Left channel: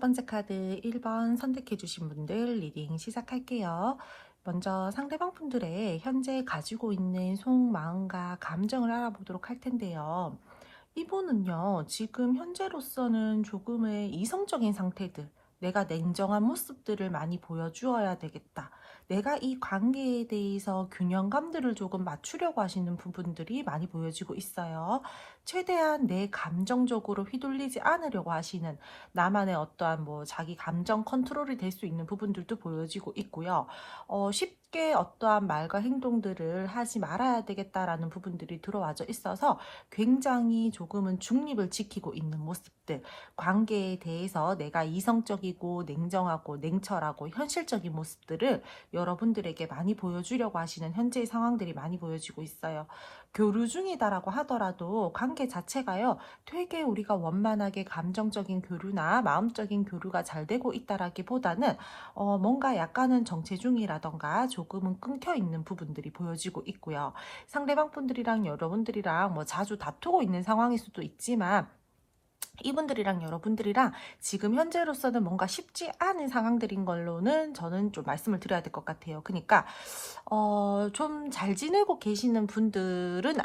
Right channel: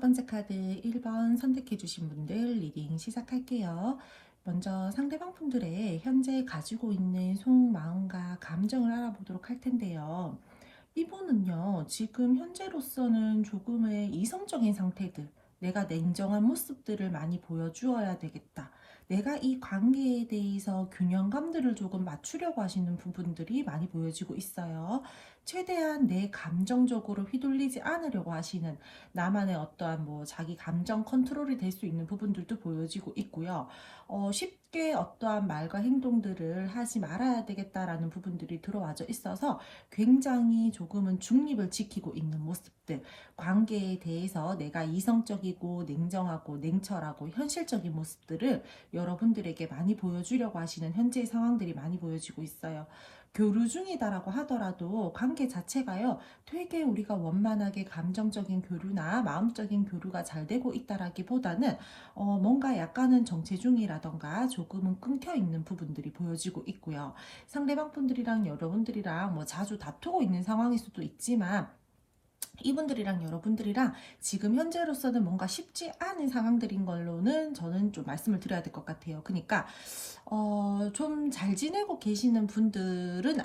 첫 번째 카드 1번 선택해 주신 분들 리딩 시작할게요. 먼저 상대방 분들의 현재 가지고 있는 속마음과 감정을 알아보도록 할 텐데요. 이분은요, 지금 현재로서는 조금의 이성적인 상태들, 내가 냉정한 모습들을 많이 보여주어야 되겠다. 내가 이 관계에 대해서 균형감들을 조금 맞추려고 하시는 부분들이 많이 보여지고 있어요. 최대한 내 감정적으로 휘둘리지 않으려고 하시는 나만의 어떠한 뭐 자기 감정 컨트롤이 될 수 있는 부분들도 보여지고 있고요. 쉽게 어떠한 말과 행동들을 하지 말아야 되겠다라는 부분들이 들어와져 있어서 굉장히 조금은 중립을 지키고 있는 모습들, 관계에 대해서 내가 이성적이고 냉정하고 냉철하고 현실적인 모습들을 여러분들에게 많이 보여주려고 하시는 현재의 상황들이 많이 보여지고 있어요. 교류 중이다라고 하더라도 관계 자체가요, 되게 우리가 원만하게 감정적인 교류나 마음적인 교류가 잘 되고 있다라기보다는 뭔가 약간은 정체 중이라던가 조금은 끊겨 있는 부분들이 보여지고 있고요. 상대방 분들이랑 여러분들이랑 뭐 자주 다투고 있는 상황일 수도 있지만 이분들이랑 여러분들이랑 지금 현재로서는 뭔가 쉽지 않은 상황들인 걸로는 저는 좀 말씀을 드려야 될 것 같아요. 그러니까 좀 잘 지내고 계시는 분들은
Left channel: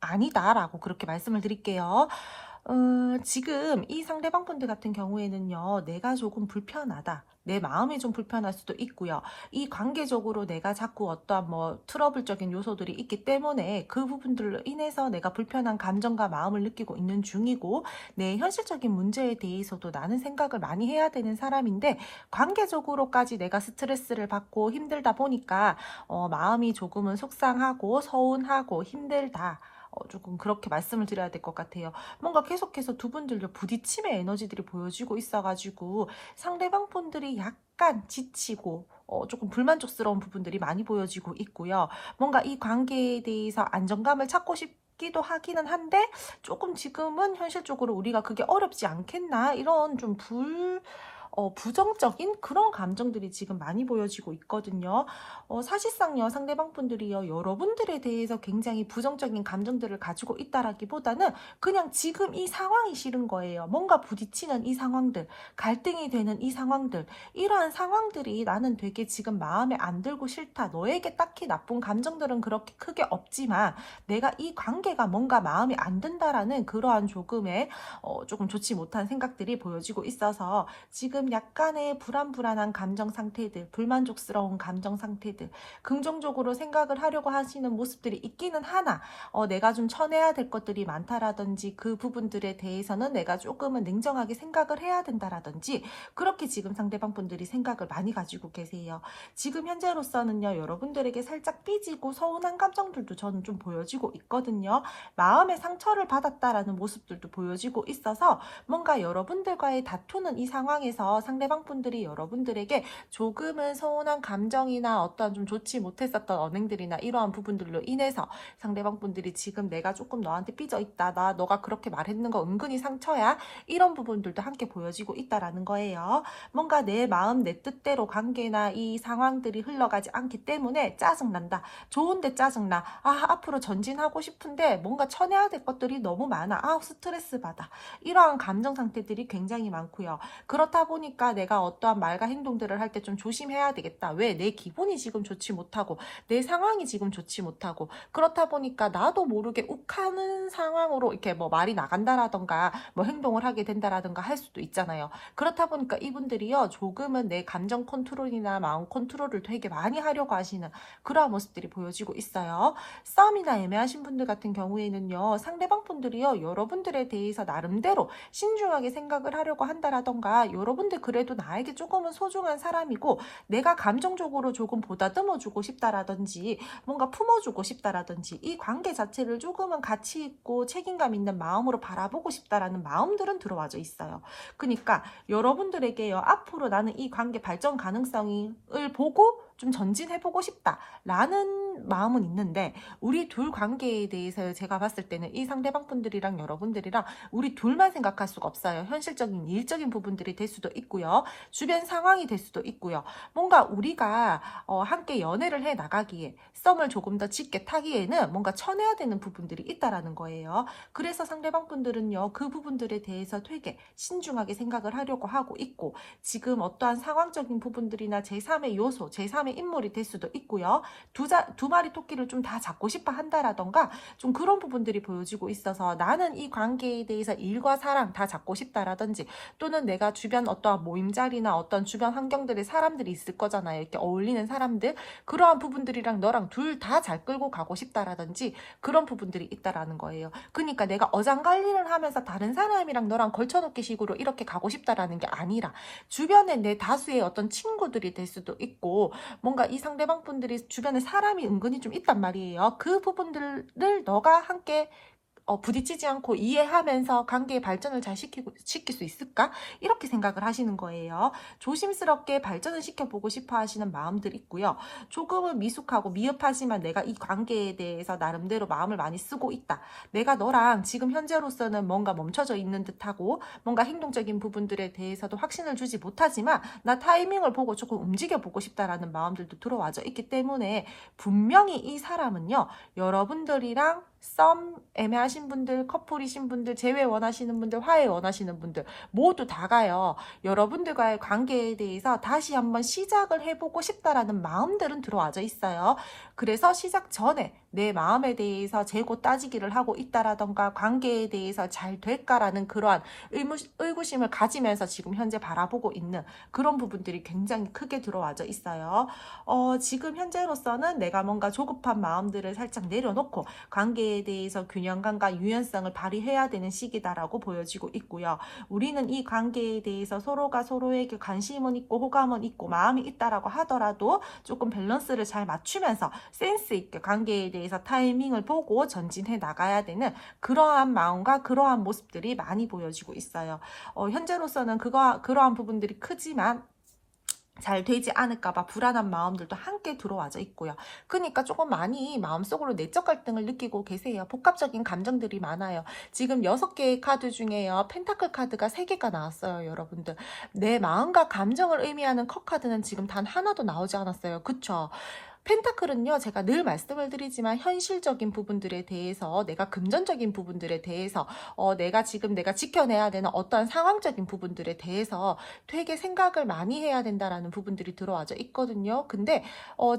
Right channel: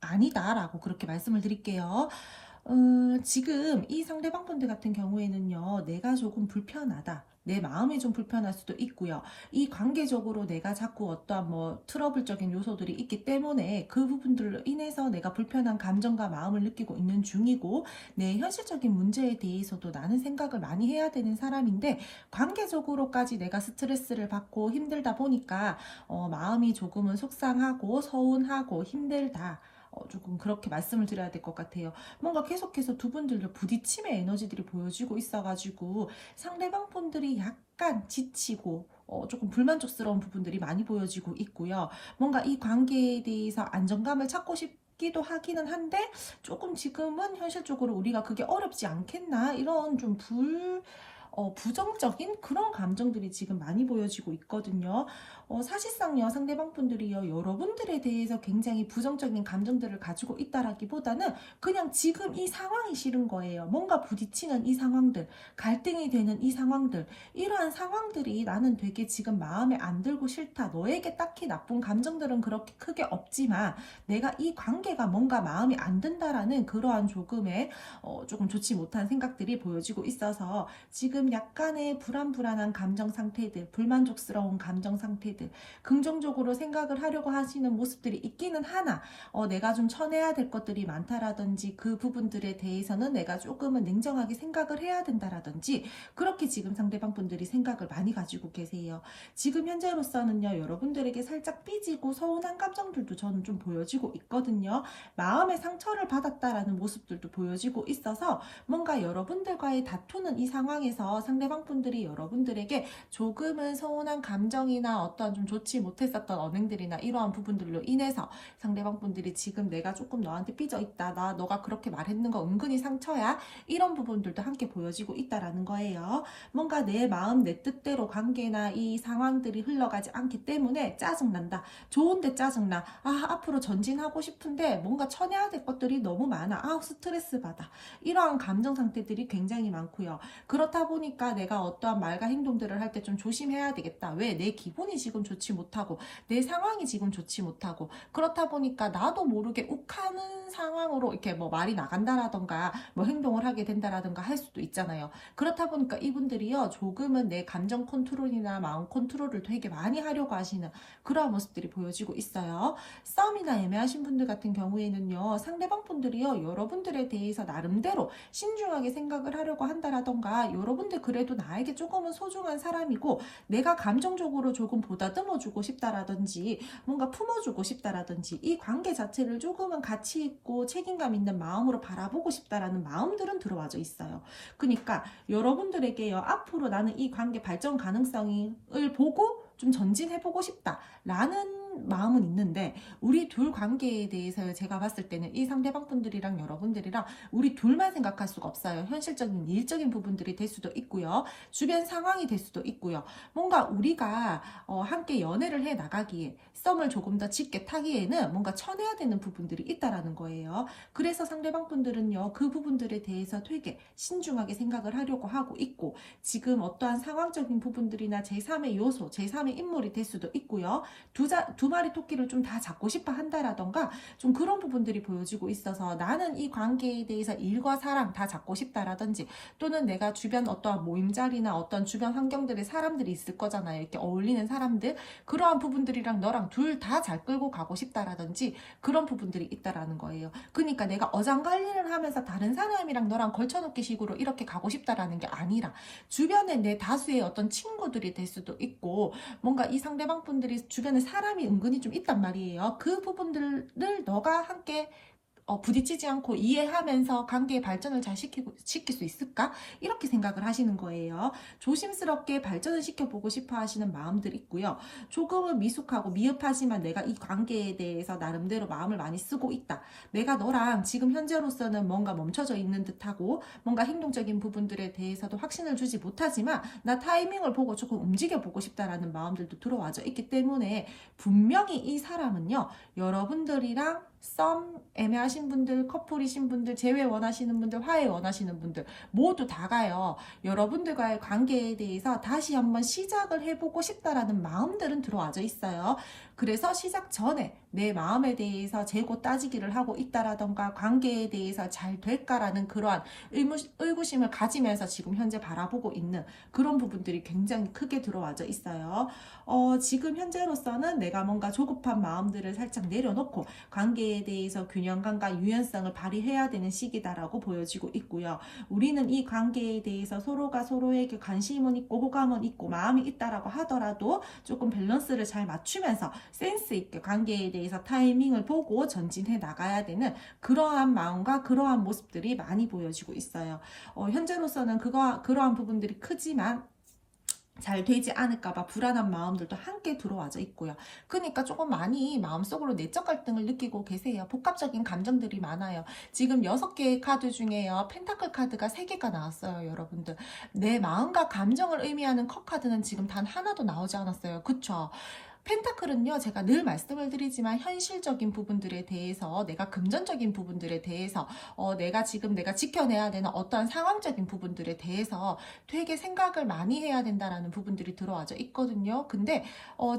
아니다라고 그렇게 말씀을 드릴게요. 지금 이 상대방 분들 같은 경우에는요, 내가 조금 불편하다. 내 마음이 좀 불편할 수도 있고요. 이 관계적으로 내가 자꾸 어떠한 뭐 트러블적인 요소들이 있기 때문에 그 부분들로 인해서 내가 불편한 감정과 마음을 느끼고 있는 중이고, 내 현실적인 문제에 대해서도 나는 생각을 많이 해야 되는 사람인데, 관계적으로까지 내가 스트레스를 받고 힘들다 보니까 마음이 조금은 속상하고 서운하고 힘들다. 조금 그렇게 말씀을 드려야 될 것 같아요. 뭔가 계속해서 두 분들도 부딪힘의 에너지들이 보여지고 있어가지고 상대방 분들이 약간 지치고 조금 불만족스러운 부분들이 많이 보여지고 있고요. 뭔가 이 관계에 대해서 안정감을 찾고 싶기도 하기는 한데 조금 지금은 현실적으로 우리가 그게 어렵지 않겠나 이런 좀 부정적인 그런 감정들이 지금 많이 보여지고 있거든요. 사실상요, 상대방 분들이요, 여러분들에 대해서 굉장히 부정적인 감정들을 가지고 있다라기보다는 그냥 지금 이 상황이 싫은 거예요. 뭔가 부딪히는 이 상황들, 갈등이 되는 이 상황들, 이러한 상황들이 나는 되게 지금 마음에 안 들고 싫다. 너에게 딱히 나쁜 감정들은 그렇게 크게 없지만 내가 이 관계가 뭔가 마음에 안 든다라는 그러한 조금의 조금 좋지 못한 생각들이 보여지고 있어서 지금 약간의 불안한 감정 상태들, 불만족스러운 감정 상태들, 긍정적으로 생각을 하려고 하시는 모습들이 있기는 하나, 내가 좀 쳐내야 될 것들이 많다라든지 그 부분들에 대해서는 내가 조금은 냉정하게 생각을 해야 된다라든지 그렇게 지금 상대방 분들이 생각을 많이 가지고 계세요. 지금 현재로서는요, 여러분들에게 살짝 삐지고 서운한 감정들도 저는 좀 보여지고 있거든요. 마음의 상처를 받았다라는 모습들도 보여지고 있어서 뭔가 여러분들과의 다투는 이 상황에서 상대방 분들이 여러분들에게 조금은 서운한 감정이나 어떤 좀 좋지 못했었던 언행들이나 이러한 부분들로 인해서 상대방 분들이 지금 내가 조금 너한테 삐져 있다. 너가 그렇게 말했는 거 은근히 상처야. 이런 부분들도 함께 보여지고 있다라는 거예요. 뭔가 내 마음 내 뜻대로 관계나 이 상황들이 흘러가지 않기 때문에 짜증난다. 좋은데 짜증나. 앞으로 전진하고 싶은데 뭔가 쳐내야 될 것들이 너무 많아. 스트레스 받아. 이러한 감정 상태들이 굉장히 많고요. 그렇다 보니까 내가 어떠한 말과 행동들을 할 때 좀 조심해야 되겠다. 왜? 내 기분이 지금 좋지 못하고 내 상황이 지금 좋지 못하고 그렇다 보니까 나도 모르게 욱하는 상황으로 이렇게 뭐 말이 나간다라던가 뭐 행동을 하게 된다라던가 할 수도 있잖아요. 그렇다 보니까 이분들이요, 조금은 내 감정 컨트롤이나 마음 컨트롤을 되게 많이 하려고 하시는 그러한 모습들이 보여지고 있어요. 싸움이나 애매하신 분들 같은 경우에는요, 상대방 분들이요, 여러분들에 대해서 나름대로 신중하게 생각을 하려고 한다라던가 여러분들 그래도 나에게 조금은 소중한 사람이고 내가 감정적으로 조금 보다듬어주고 싶다라든지 뭔가 품어주고 싶다라든지 이 관계 자체를 조금은 가치 있고 책임감 있는 마음으로 바라보고 싶다라는 마음들은 들어와져 있어요. 그러니까 여러분들에게요, 앞으로 나는 이 관계 발전 가능성을 보고 좀 전진해보고 싶다라는 마음은 있는데 우리 둘 관계에 대해서 제가 봤을 때는 이 상대방 분들이랑 여러분들이랑 우리 둘만 생각할 수가 없어요. 현실적인 일적인 부분들이 될 수도 있고요. 주변 상황이 될 수도 있고요. 뭔가 우리가 함께 연애를 해 나가기에 썸을 조금 더 짙게 타기에는 뭔가 쳐내야 되는 부분들이 있다라는 거예요. 그래서 상대방 분들은요, 그 부분들에 대해서 되게 신중하게 생각을 하려고 하고 있고, 지금 어떠한 상황적인 부분들이나 제3의 요소, 제3의 인물이 될 수도 있고요. 두 마리 토끼를 좀 다 잡고 싶어 한다라던가 좀 그런 부분들이 보여지고 있어서 나는 이 관계에 대해서 일과 사랑 다 잡고 싶다라든지 또는 내가 주변 어떠한 모임 자리나 어떤 주변 환경들의 사람들이 있을 거잖아요. 이렇게 어울리는 사람들. 그러한 부분들이랑 너랑 둘 다 잘 끌고 가고 싶다라든지 그런 부분들이 있다라는 거예요. 그러니까 내가 어장관리를 하면서 다른 사람이랑 너랑 걸쳐놓기 식으로 이렇게 가고 싶다라는 게 아니라 주변에 내 다수의 어떤 친구들이 될 수도 있고 뭔가 이 상대방 분들이 주변에 사람이 은근히 좀 있단 말이에요. 그 부분들을 너가 함께 부딪히지 않고 이해하면서 관계의 발전을 잘 시킬 수 있을까? 이렇게 생각을 하시는 거예요. 조심스럽게 발전을 시켜보고 싶어 하시는 마음들이 있고요. 조금은 미숙하고 미흡하지만 내가 이 관계에 대해서 나름대로 마음을 많이 쓰고 있다. 내가 너랑 지금 현재로서는 뭔가 멈춰져 있는 듯하고 뭔가 행동적인 부분들에 대해서도 확신을 주지 못하지만 나 타이밍을 보고 조금 움직여보고 싶다라는 마음들도 들어와져 있기 때문에 분명히 이 사람은요. 여러분들이랑 썸 애매하신 분들, 커플이신 분들, 재회 원하시는 분들, 화해 원하시는 분들 모두 다가요. 여러분들과의 관계에 대해서 다시 한번 시작을 해보고 싶다라는 마음들은 들어와져 있어요. 그래서 시작 전에 내 마음에 대해서 재고 따지기를 하고 있다라던가 관계에 대해서 잘 될까라는 그러한 의구심을 가지면서 지금 현재 바라보고 있는 그런 부분들이 굉장히 크게 들어와져 있어요. 지금 현재로서는 내가 뭔가 조급한 마음들을 살짝 내려놓고 관계에 대해서 균형감과 유연성을 발휘해야 되는 시기다라고 보여지고 있고요. 우리는 이 관계에 대해서 서로가 서로에게 관심은 있고 호감은 있고 마음이 있다라고 하더라도 조금 밸런스를 잘 맞추면서 센스 있게 관계에 대해서 타이밍을 보고 전진해 나가야 되는 그러한 마음과 그러한 모습들이 많이 보여지고 있어요. 현재로서는 그러한 부분들이 크지만 잘 되지 않을까봐 불안한 마음들도 함께 들어와져 있고요. 그러니까 조금 많이 마음속으로 내적 갈등을 느끼고 계세요. 복합적인 감정들이 많아요. 지금 6개의 카드 중에요. 펜타클 카드가 3개가 나왔어요, 여러분들. 내 마음과 감정을 의미하는 컷 카드는 지금 단 하나도 나오지 않았어요. 그쵸? 펜타클은요, 제가 늘 말씀을 드리지만 현실적인 부분들에 대해서 내가 금전적인 부분들에 대해서 내가 지켜내야 되는 어떠한 상황적인 부분들에 대해서 되게 생각을 많이 해야 된다라는 부분들이 들어와져 있거든요. 근데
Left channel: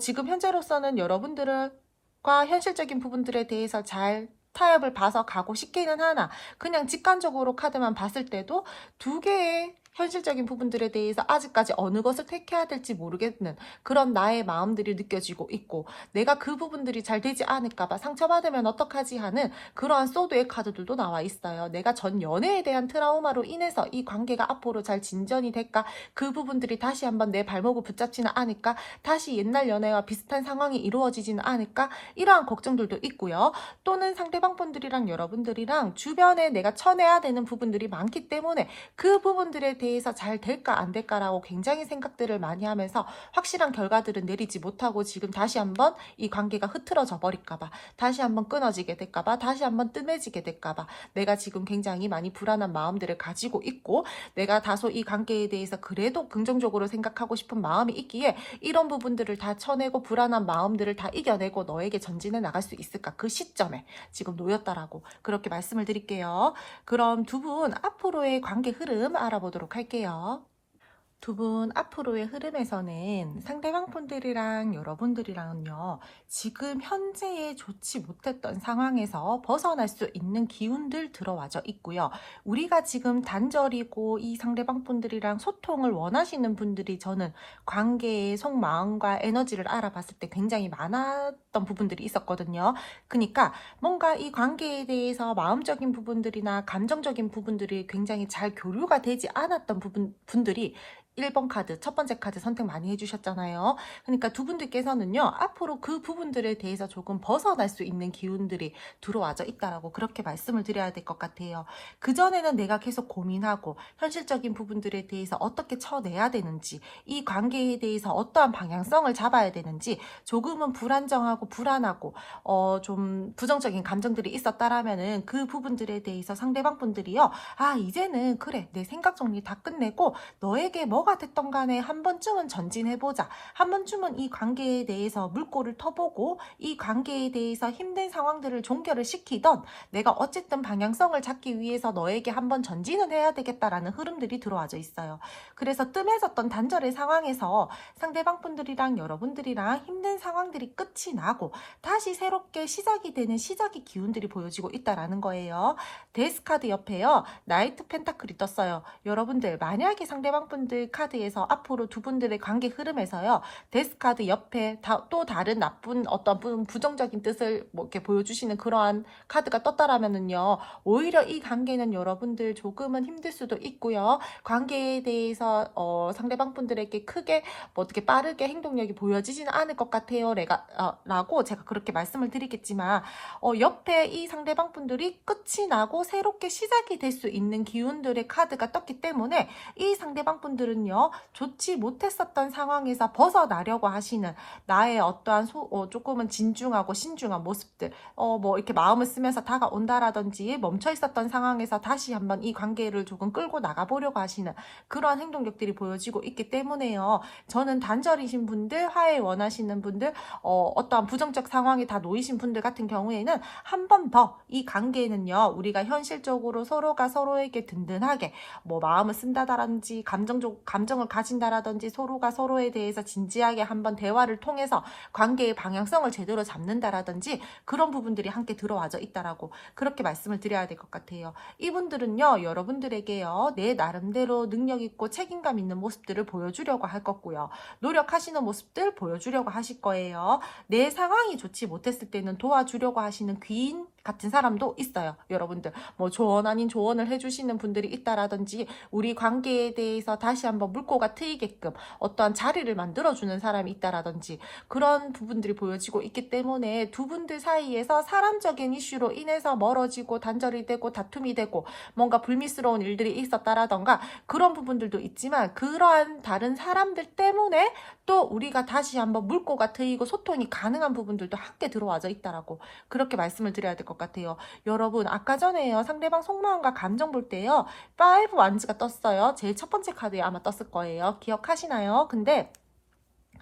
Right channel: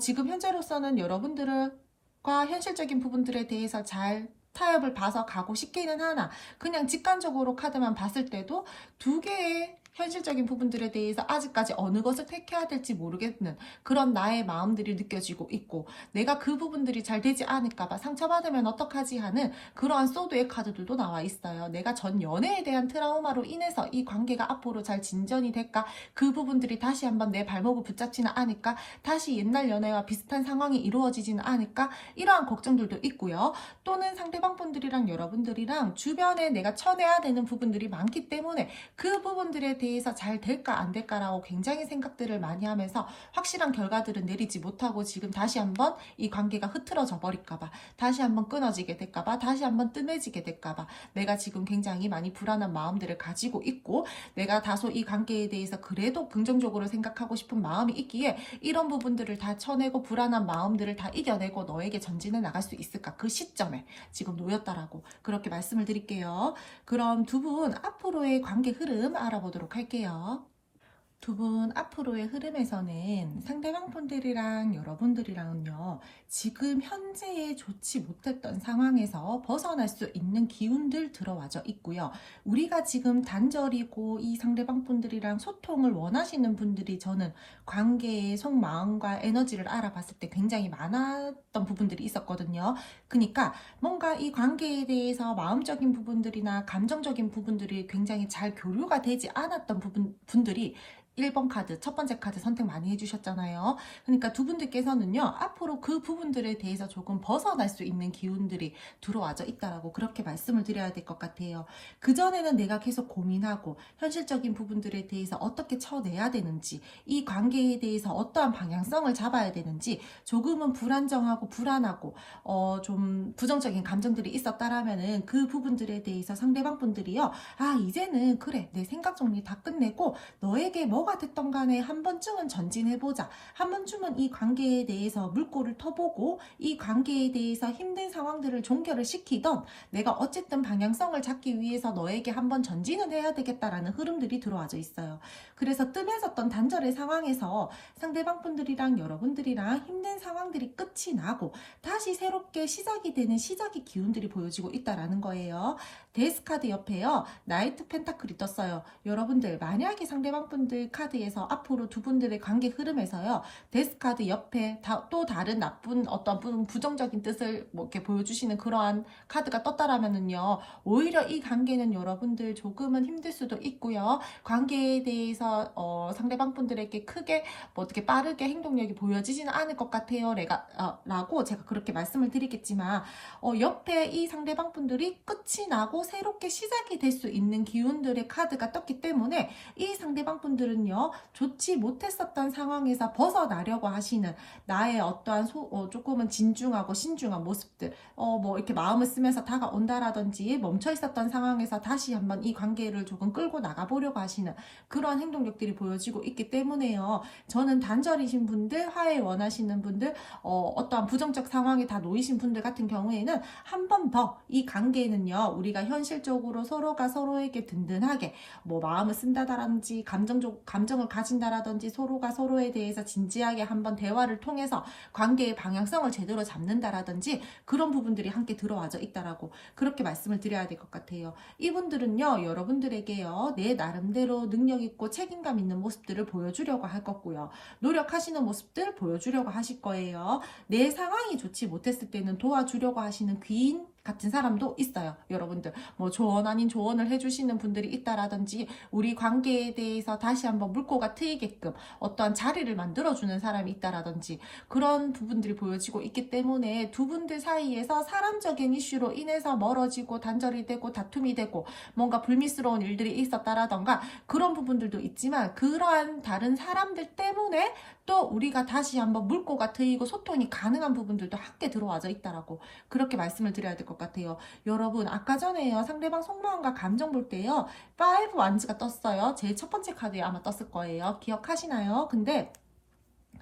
지금 현재로서는 여러분들과 현실적인 부분들에 대해서 잘 타협을 봐서 가고 싶기는 하나 그냥 직관적으로 카드만 봤을 때도 2개의 현실적인 부분들에 대해서 아직까지 어느 것을 택해야 될지 모르겠는 그런 나의 마음들이 느껴지고 있고 내가 그 부분들이 잘 되지 않을까봐 상처받으면 어떡하지 하는 그러한 소드의 카드들도 나와 있어요. 내가 전 연애에 대한 트라우마로 인해서 이 관계가 앞으로 잘 진전이 될까? 그 부분들이 다시 한번 내 발목을 붙잡지는 않을까? 다시 옛날 연애와 비슷한 상황이 이루어지지는 않을까? 이러한 걱정들도 있고요. 또는 상대방 분들이랑 여러분들이랑 주변에 내가 쳐내야 되는 부분들이 많기 때문에 그 부분들에 대해서 잘 될까 안 될까라고 굉장히 생각들을 많이 하면서 확실한 결과들은 내리지 못하고 지금 다시 한번 이 관계가 흐트러져 버릴까봐 다시 한번 끊어지게 될까봐 다시 한번 뜸해지게 될까봐 내가 지금 굉장히 많이 불안한 마음들을 가지고 있고 내가 다소 이 관계에 대해서 그래도 긍정적으로 생각하고 싶은 마음이 있기에 이런 부분들을 다 쳐내고 불안한 마음들을 다 이겨내고 너에게 전진해 나갈 수 있을까 그 시점에 지금 놓였다라고 그렇게 말씀을 드릴게요. 그럼 두 분 앞으로의 관계 흐름 알아보도록 할게요. 두 분 앞으로의 흐름에서는 상대방 분들이랑 여러분들이랑은요, 지금 현재에 좋지 못했던 상황에서 벗어날 수 있는 기운들 들어와져 있고요. 우리가 지금 단절이고 이 상대방 분들이랑 소통을 원하시는 분들이 저는 관계의 속마음과 에너지를 알아봤을 때 굉장히 많았던 부분들이 있었거든요. 그러니까 뭔가 이 관계에 대해서 마음적인 부분들이나 감정적인 부분들이 굉장히 잘 교류가 되지 않았던 분들이 1번 카드, 첫 번째 카드 선택 많이 해주셨잖아요. 그러니까 두 분들께서는요, 앞으로 그 부분들에 대해서 조금 벗어날 수 있는 기운들이 들어와져 있다라고 그렇게 말씀을 드려야 될 것 같아요. 그전에는 내가 계속 고민하고 현실적인 부분들에 대해서 어떻게 쳐내야 되는지, 이 관계에 대해서 어떠한 방향성을 잡아야 되는지 조금은 불안정하고 불안하고 좀 부정적인 감정들이 있었다라면은 그 부분들에 대해서 상대방 분들이요, 아 이제는 그래 내 생각 정리 다 끝내고 너에게 뭐가 됐던 간에 한 번쯤은 전진해보자, 한 번쯤은 이 관계에 대해서 물꼬를 터보고 이 관계에 대해서 힘든 상황들을 종결을 시키던, 내가 어쨌든 방향성을 잡기 위해서 너에게 한번 전진은 해야 되겠다라는 흐름들이 들어와져 있어요. 그래서 뜸해졌던 단절의 상황에서 상대방 분들이랑 여러분들이랑 힘든 상황들이 끝이 나고 다시 새롭게 시작이 되는 시작의 기운들이 보여지고 있다라는 거예요. 데스카드 옆에요, 나이트 펜타클이 떴어요. 여러분들 만약에 상대방 분들 카드에서 앞으로 두 분들의 관계 흐름에서요, 데스카드 옆에 또 다른 나쁜 어떤 부정적인 뜻을 뭐 이렇게 보여주시는 그러한 카드가 떴다라면은요, 오히려 이 관계는 여러분들 조금은 힘들 수도 있고요, 관계에 대해서 상대방 분들에게 크게 뭐 어떻게 빠르게 행동력이 보여지지는 않을 것 같아요. 라고 제가 그렇게 말씀을 드리겠지만, 옆에 이 상대방 분들이 끝이 나고 새롭게 시작이 될 수 있는 기운들의 카드가 떴기 때문에 이 상대방 분들은요, 좋지 못했었던 상황에서 벗어나려고 하시는 나의 어떠한 조금은 진중하고 신중한 모습들, 뭐 이렇게 마음을 쓰면서 다가온다라든지 멈춰 있었던 상황에서 다시 한번 이 관계를 조금 끌고 나가보려고 하시는 그러한 행동력들이 보여지고 있기 때문에요. 저는 단절이신 분들, 화해 원하시는 분들, 어떠한 부정적 상황에 다 놓이신 분들 같은 경우에는 한 번 더 이 관계는요, 우리가 현실적으로 서로가 서로에게 든든하게 뭐 마음을 쓴다라든지 감정을 가진다라든지 서로가 서로에 대해서 진지하게 한번 대화를 통해서 관계의 방향성을 제대로 잡는다라든지 그런 부분들이 함께 들어와져 있다라고 그렇게 말씀을 드려야 될 것 같아요. 이분들은요, 여러분들에게요, 내 나름대로 능력 있고 책임감 있는 모습들을 보여주려고 할 거고요, 노력하시는 모습들 보여주려고 하실 거예요. 내 상황이 좋지 못했을 때는 도와주려고 하시는 귀인 같은 사람도 있어요. 여러분들 뭐 조언 아닌 조언을 해주시는 분들이 있다라든지, 우리 관계에 대해서 다시 한번 물꼬가 트이게끔 어떠한 자리를 만들어주는 사람이 있다라든지 그런 부분들이 보여지고 있기 때문에 두 분들 사이에서 사람적인 이슈로 인해서 멀어지고 단절이 되고 다툼이 되고 뭔가 불미스러운 일들이 있었다라던가 그런 부분들도 있지만, 그러한 다른 사람들 때문에 또 우리가 다시 한번 물꼬가 트이고 소통이 가능한 부분들도 함께 들어와져 있다라고 그렇게 말씀을 드려야 될 것 같아요. 여러분 아까 전에요, 상대방 속마음과 감정 볼 때요, 5 완즈가 떴어요. 제일 첫 번째 카드에 아마 떴을 거예요. 기억하시나요? 근데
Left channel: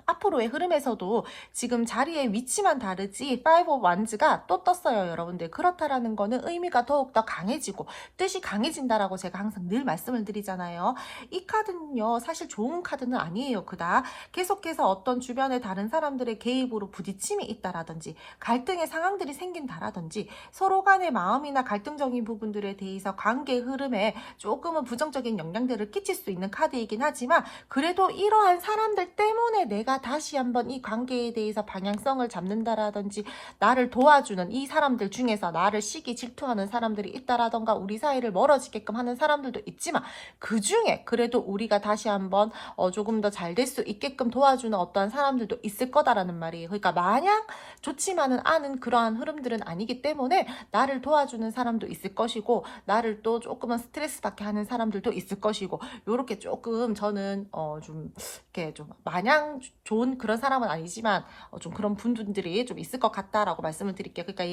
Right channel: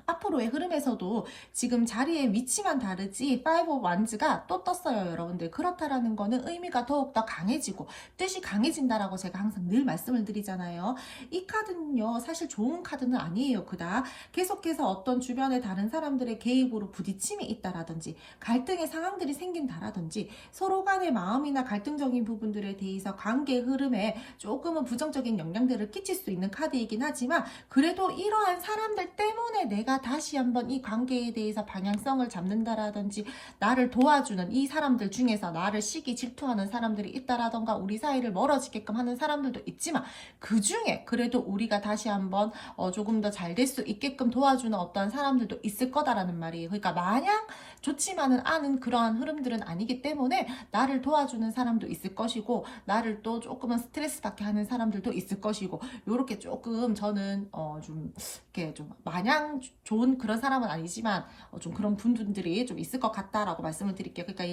앞으로의 흐름에서도 지금 자리의 위치만 다르지 5 완즈가 또 떴어요. 여러분들 그렇다라는 거는 의미가 더욱더 강해지고 뜻이 강해진다라고 제가 항상 늘 말씀을 드리잖아요. 이 카드는요, 사실 좋은 카드는 아니에요. 그다 계속해서 어떤 주변의 다른 사람들의 개입으로 부딪힘이 있다라든지 갈등의 상황들이 생긴다라든지 서로 간의 마음이나 갈등적인 부분들에 대해서 관계 흐름에 조금은 부정적인 영향들을 끼칠 수 있는 카드이긴 하지만, 그래도 이러한 사람들 때문에 내가 다시 한번 이 관계에 대해서 방향성을 잡는다라든지 나를 도와주는 이 사람들 중에서 나를 시기 질투하는 사람들이 있다라던가 우리 사이를 멀어지게끔 하는 사람들도 있지만, 그 중에 그래도 우리가 다시 한번 조금 더 잘 될 수 있게끔 도와주는 어떠한 사람들도 있을 거다라는 말이에요. 그러니까 마냥 좋지만은 않은 그러한 흐름들은 아니기 때문에 나를 도와주는 사람도 있을 것이고 나를 또 조금은 스트레스 받게 하는 사람들도 있을 것이고, 요렇게 조금 저는 좀 이렇게 좀 마냥 좋은 그런 사람은 아니지만 좀 그런 분들이 좀 있을 것 같다라고 말씀을 드릴게요. 그러니까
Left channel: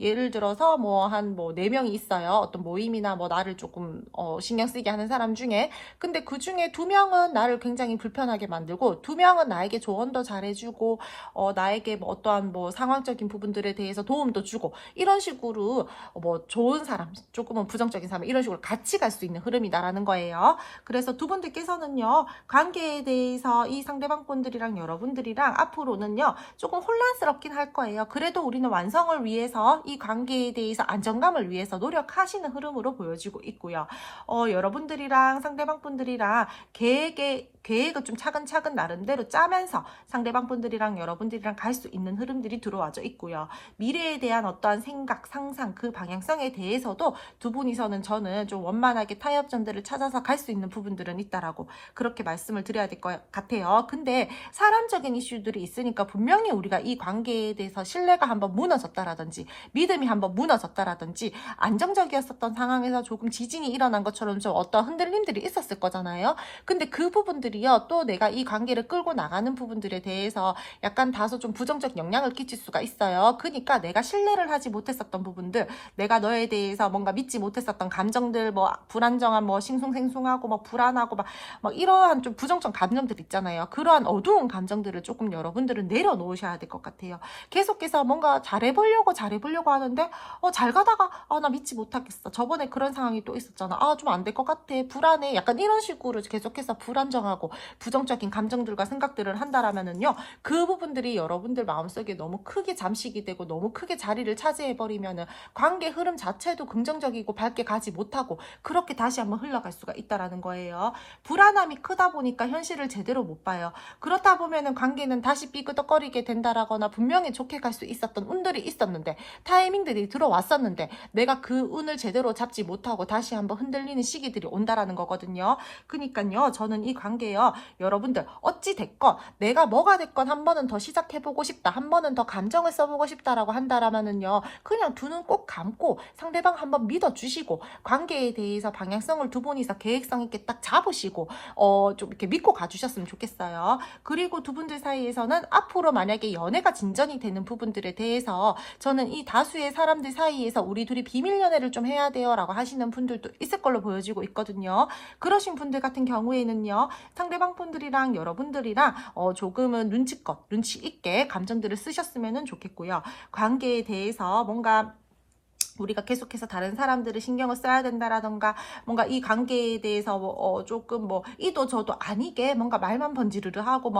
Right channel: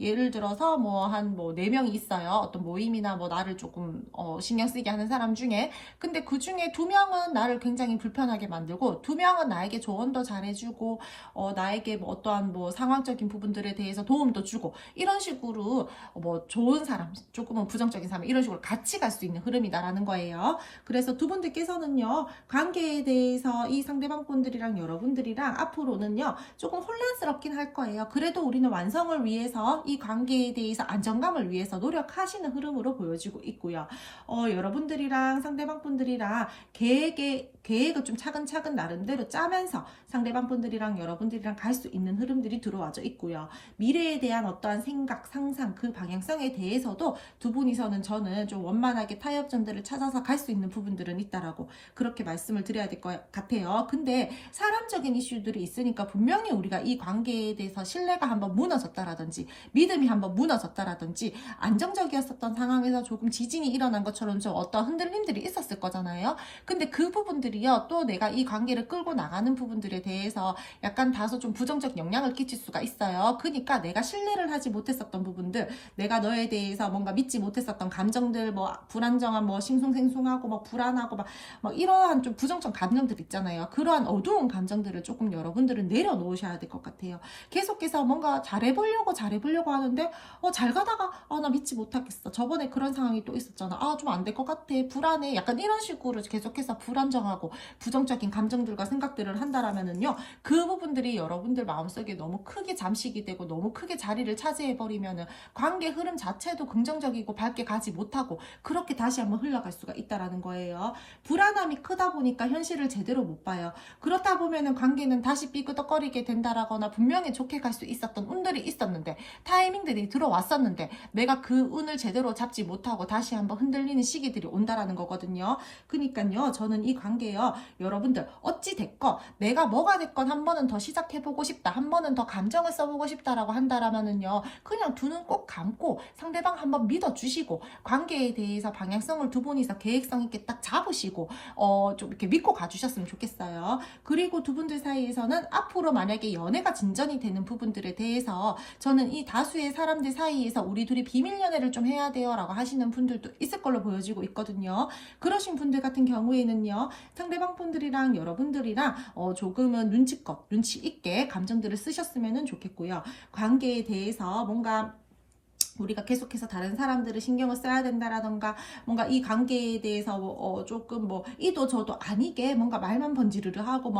예를 들어서 뭐 한 4명이 있어요. 어떤 모임이나 뭐 나를 조금 신경 쓰게 하는 사람 중에. 근데 그 중에 2명은 나를 굉장히 불편하게 만들고 2명은 나에게 조언도 잘해주고 나에게 뭐 어떠한 뭐 상황적인 부분들에 대해서 도움도 주고, 이런 식으로 뭐 좋은 사람, 조금은 부정적인 사람, 이런 식으로 같이 갈 수 있는 흐름이다라는 거예요. 그래서 두 분들께서는요, 관계에 대해서 이 상대방 분들이랑 여러분들이랑 앞으로는요 조금 혼란스럽긴 할 거예요. 그래도 우리는 완성을 위해서 이 관계에 대해서 안정감을 위해서 노력하시는 흐름으로 보여지고 있고요. 여러분들이랑 상대방 분들이랑 계획을 좀 차근차근 나름대로 짜면서 상대방 분들이랑 여러분들이랑 갈 수 있는 흐름들이 들어와져 있고요. 미래에 대한 어떠한 생각, 상상, 그 방향성에 대해서도 두 분이서는 저는 좀 원만하게 타협점들을 찾아서 갈 수 있는 부분들은 있다라고 그렇게 말씀을 드려야 될 것 같아요. 근데 사람적인 이슈들이 있으니까 분명히 우리가 이 관계에 대해서 신뢰가 한번 무너졌다라든지 믿음이 한번 무너졌다라든지 안정적이었었던 상황에서 조금 지진이 일어난 것처럼 좀 어떤 흔들림들이 있었을 거잖아요. 근데 그 부분들이요, 또 내가 이 관계를 끌고 나가는 부분들에 대해서 약간 다소 좀 부정적 영향을 끼칠 수가 있어요. 그러니까 내가 신뢰를 하지 못했었던 부분들, 내가 너에 대해서 뭔가 믿지 못했었던 감정들, 뭐 불안정한, 뭐 싱숭생숭하고 뭐 불안하고 막 이러한 좀 부정적 감정들 있잖아요. 그러한 어두운 감정들을 조금 여러분들은 내려놓으셔야 될 것 같아요. 계속해서 뭔가 잘해보려고 하는데 잘 가다가 나 믿지 못하겠어. 저번에 그런 상황이 또 있었잖아. 좀 안 될 것 같아. 불안해. 약간 이런 식으로 계속해서 불안정하고 부정적인 감정들과 생각들을 한다라면은요. 그 부분들이 여러분들 마음속에 너무 크게 잠식이 되고 너무 크게 자리를 차지해버리면은 관계 흐름 자체도 긍정적이고 밝게 가지 못하고 그렇게 다시 한번 흘러갈 수가 있다라는 거예요. 불안함이 크다 보니까 현실을 제대로 못 봐요. 그렇다 보면은 관계는 다시 삐그덕거리게 된다라거나 분명히 좋게 갈 수 있었던 운들이 있었는데 타이밍들이 들어왔었는데 내가 그 운을 제대로 잡지 못하고 다시 한번 흔들리는 시기들이 온다라는 거거든요. 그러니까요, 저는 이 관계요, 여러분들 어찌 됐건 내가 뭐가 됐건 한 번은 더 시작해보고 싶다, 한 번은 더 감정을 써보고 싶다라고 한다라면은요, 그냥 두 눈 꼭 감고 상대방 한번 믿어주시고 관계에 대해서 방향성을 두 분이서 계획성 있게 딱 잡으시고 좀 이렇게 믿고 가주셨으면 좋겠어요. 그리고 두 분들 사이에서는 앞으로 만약에 연애가 진전이 되는 부분들에 대해서 저는 이 다수의 사람들 사이에서 우리 둘이 비밀 연애를 좀 해야 돼요 라고 하시는 분들도 있을 걸로 보여지고 있거든요. 그러신 분들 같은 경우에는요, 상대방 분들이랑 여러분들이랑 조금은 눈치 있게 감정들을 쓰셨으면 좋겠고요. 관계에 대해서 뭔가 우리가 계속해서 다른 사람들을 신경을 써야 된다라던가 뭔가 이 관계에 대해서 조금 이도 저도 아니게 뭔가 말만 번지르르 하고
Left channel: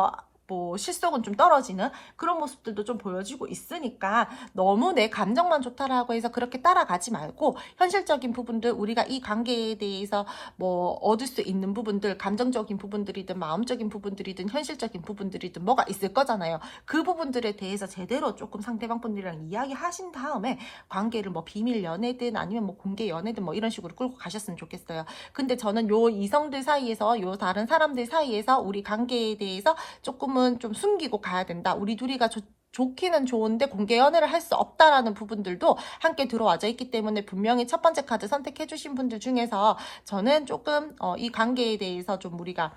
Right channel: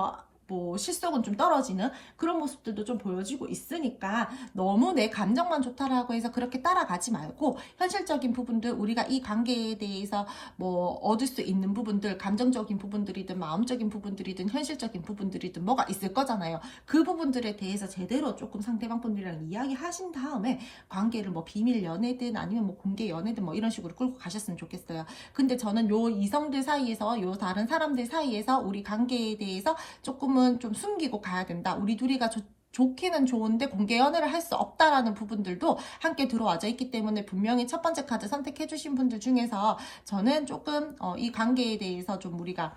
실속은 좀 떨어지는 그런 모습들도 좀 보여지고 있으니까 너무 내 감정만 좋다라고 해서 그렇게 따라가지 말고 현실적인 부분들, 우리가 이 관계에 대해서 얻을 수 있는 부분들, 감정적인 부분들이든 마음적인 부분들이든 현실적인 부분들이든 뭐가 있을 거잖아요. 그 부분들에 대해서 제대로 조금 상대방 분들이랑 이야기하신 다음에 관계를 비밀 연애든 아니면 공개 연애든 이런 식으로 끌고 가셨으면 좋겠어요. 근데 저는 요 이성들 사이에서, 요 다른 사람들 사이에서 우리 관계에 대해서 조금은 좀 숨기고 가야 된다. 우리 둘이가 좋기는 좋은데 공개 연애를 할 수 없다라는 부분들도 함께 들어와져 있기 때문에 분명히 첫 번째 카드 선택해 주신 분들 중에서 저는 조금 이 관계에 대해서 좀 우리가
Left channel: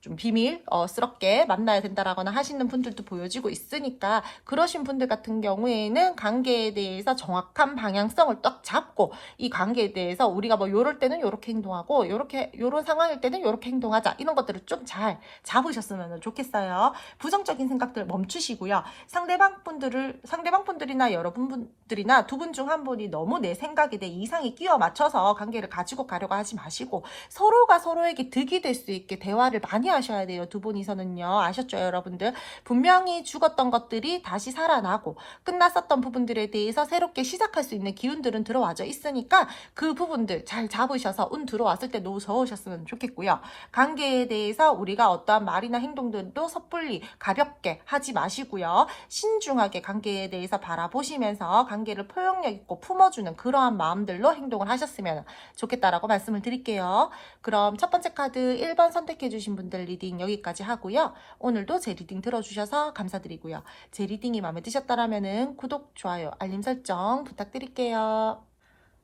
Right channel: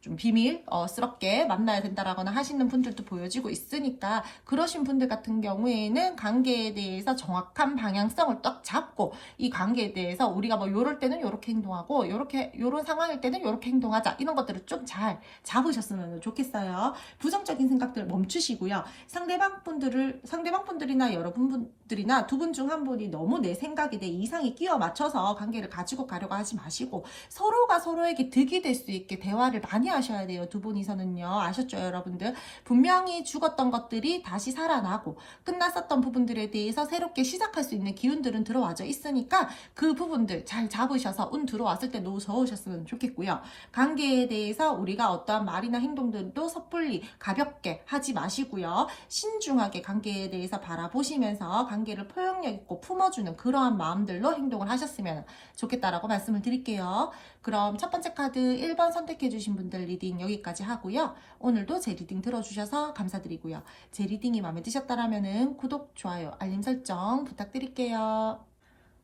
좀 비밀스럽게 만나야 된다라거나 하시는 분들도 보여지고 있으니까 그러신 분들 같은 경우에는 관계에 대해서 정확한 방향성을 딱 잡고 이 관계에 대해서 우리가 요럴 때는 요렇게 행동하고 요런 상황일 때는 요렇게 행동하자, 이런 것들을 좀 잘 잡으셨으면 좋겠어요. 부정적인 생각들 멈추시고요. 상대방 분들이나 여러분들이나 두 분 중 한 분이 너무 내 생각에 내 이상에 끼워 맞춰서 관계를 가지고 가려고 하지 마시고 서로가 서로에게 득이 될 수 있게 대화를 많이 하셔야 돼요. 두 분이서는요. 아셨죠, 여러분들? 분명히 죽었던 것들이 다시 살아나고 끝났었던 부분들에 대해서 새롭게 시작할 수 있는 기운들은 들어와져 있으니까 그 부분들 잘 잡으셔서 운 들어왔을 때 노후 저으셨으면 좋겠고요. 관계에 대해서 우리가 어떠한 말이나 행동들도 섣불리 가볍게 하지 마시고요. 신중하게 관계에 대해서 바라보시면서 관계를 포용력 있고 품어주는 그러한 마음들로 행동을 하셨으면 좋겠다라고 말씀을 드릴게요. 그럼 첫 번째 카드 1번 선택해주신 분들 리딩 여기까지 하고요. 오늘도 제 리딩 들어주셔서 감사드리고요. 제 리딩이 마음에 드셨다면 구독, 좋아요, 알림 설정 부탁드릴게요.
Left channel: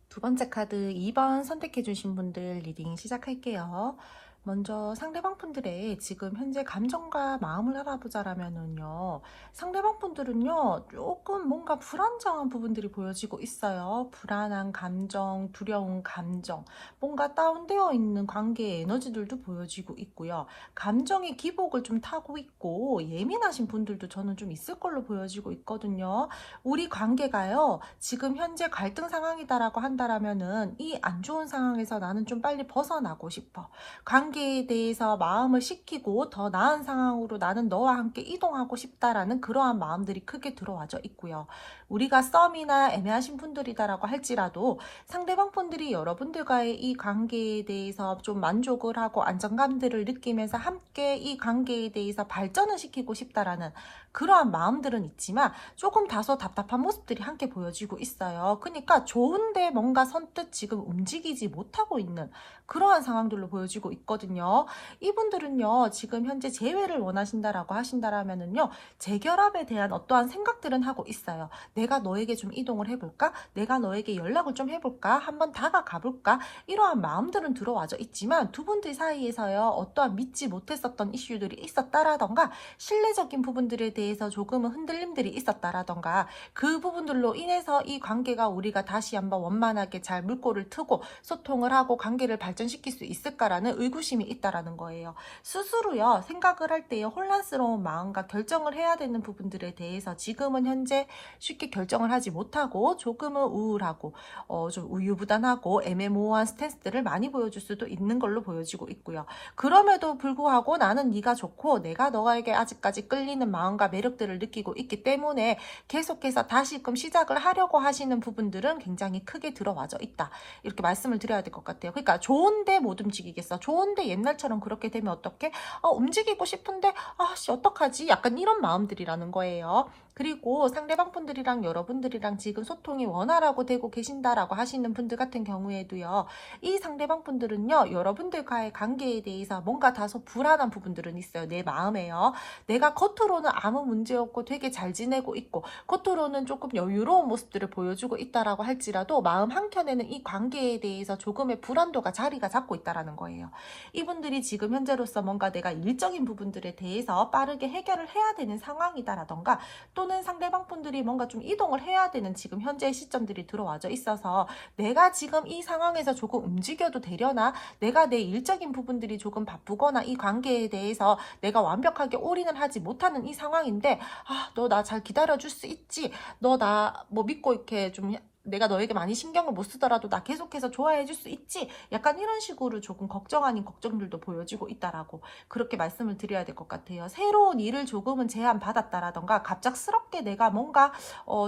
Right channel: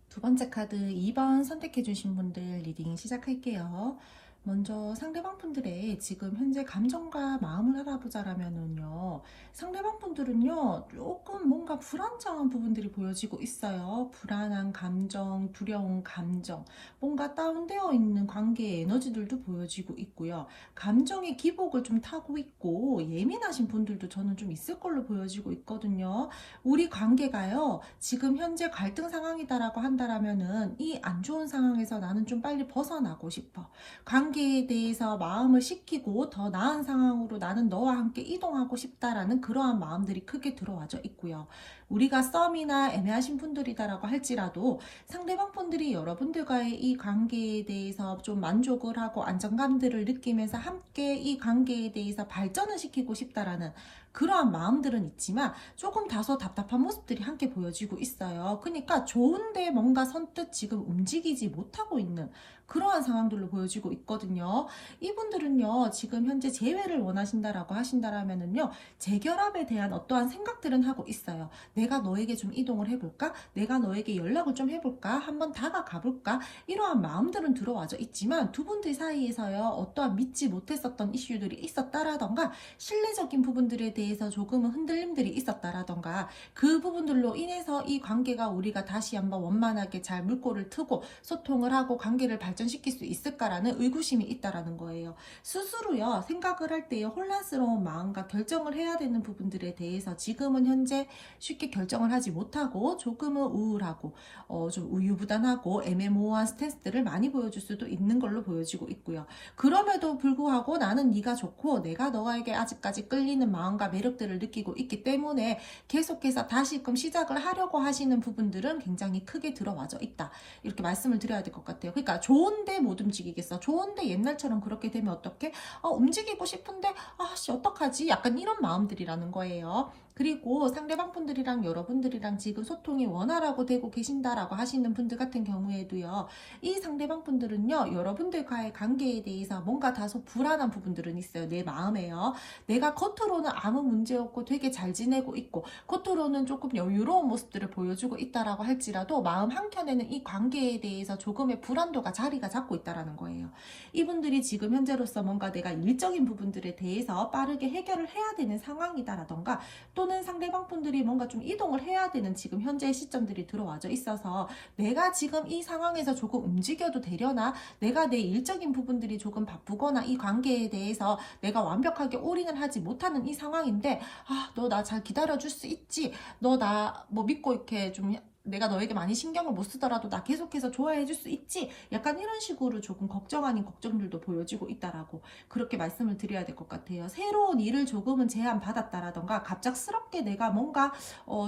두 번째 카드 2번 선택해주신 분들 리딩 시작할게요. 먼저 상대방 분들의 지금 현재 감정과 마음을 알아보자라면은요, 상대방 분들은요 조금 뭔가 불안정한 부분들이 보여지고 있어요. 불안한 감정, 두려운 감정, 뭔가 다운되어 있는 관계의 에너지들도 보여지고 있고요. 감정의 기복을 좀 타고 있고 예민하신 분들도 저는 좀 있을 걸로 보여지고 있거든요. 우리 관계가요 지금 현재 갈등 상황이다라고 한다라면은 이 안 좋은 상황에서 나는 좀 빨리 벗어나고 싶어, 관계에 대해서 마음을 식히고 더 나은 상황으로 나는 너와 함께 이동하고 싶다라는 그러한 마음들이 크게 들어와져 있고요. 우리가 썸이나 애매하신 분들이다라고 할지라도 상대방 분들이 여러분들과의 이 관계에 대해서 좀 만족을 하고 안정감들을 느끼면서 함께 이 관계에 대해서 발전을 시키고 싶다라는 그러한 마음들은 있지만 조금 다소 답답한 모습들이 함께 보여지고 있어요. 그러니까 좋은데 뭔가 선뜻 지금 움직이지 못하고 있는 그러한 상황들로 보여지고 있거든요. 이분들은요, 지금 현재 재회를 원하신다라고 하신다라면은요, 재결합에 대한 어떠한 생각들은 하고 있어요. 내가 너에게 좀 이동을 해볼까? 내가 너에게 연락을 좀 해볼까? 한번 다가가 볼까? 이러한 마음들은 들어와져 있지만 두 분들 사이에서요, 어떠한 믿지 못했었던 이슈들이 있었다라던가 신뢰적인 부분들에 대해서 조금은 흔들림들이 있었다라던가 그 부분들로 인해서 이 관계가 우리가 다시 한번 원만하게 잘 물꼬를 트고 소통을 하고 관계를 발전시킬 수 있을까라는 의구심이 있다라는 거예요. 스스로요, 생각을 할 때요, 혼란스러운 마음과 결정을 해야 되는 부분들에 대해서 지금은 현재 쉽게 결정을 하지 못하고 조금은 우울하고 좀 우유부단하고 애매모호한 스탠스들을 많이 보여줄 수도 있는 걸로 보여지고 있고요. 그럼에도 불구하고 나는 네가 좋고 내가 너에게 아직까지 끌리는 마음과 매력들을 느끼고 있기 때문에 계속해서 다시금 시작을 하려고 하시는 부분들은 굉장히 크게 들어와져 있다. 이렇게 말씀을 드려야 될 것 같아요. 그러니까 좋은데 못 움직이겠어. 좋은데 옛날처럼 그렇게 되면 어떡해? 움직이고 싶은데 아씨 어떡하지? 약간 이런 마음들이라는 거예요. 그리고 상대방 분들이랑 여러분들이랑 지금 소통이 원활하고 되고 계신다라고 하시는 분들 같은 경우에도요. 이 상대방 분들은요. 여러분들과의 관계에 대해서 뭔가 다소 불안한 부분들은 있어요. 내 마음에요. 내가 겉으로는 아무 문제 없고 되게 잘 지내고 있고 겉으로는 조금 여유로운 모습들을 보여주고 있다라고 할지라도 마음 한켠에는 이 관계에 대해서 조금의 불안도가 자리가 잡고 있다라는 거예요. 이분들이 지금 현재로서 뭔가 내가 일적인 부분들에 대해서 빠르게 해결을 해야 되는 상황이다라던가 또는 상대방 분들이 뭔가 좀 이동을 해야 되는 지금 현재의 시점들이 들어와져 있어서 내가 지금 이 상황에서 조금 움직여도 되려나? 내가 내 일적인 부분들이 조금 바쁘거나 이 관계에 대해서 내가 완벽하게 올인을 하지 못하는 이 상황인데 너 나 잘 기다려줄 수 있지? 너 나 뭐 믿고 이렇게 좀 내가 너에게 많이 신경을 못 쓰더라도 나 계속해서 좋아해 줄 수 있지? 약간 이런 식으로 조금 걱정 아닌 걱정들도 보여지고 있다라고 그렇게 말씀을 드려야 될 것 같아요. 새로운 일을 조금은 제안받았다라던가 갑작스럽게 내가 뭔가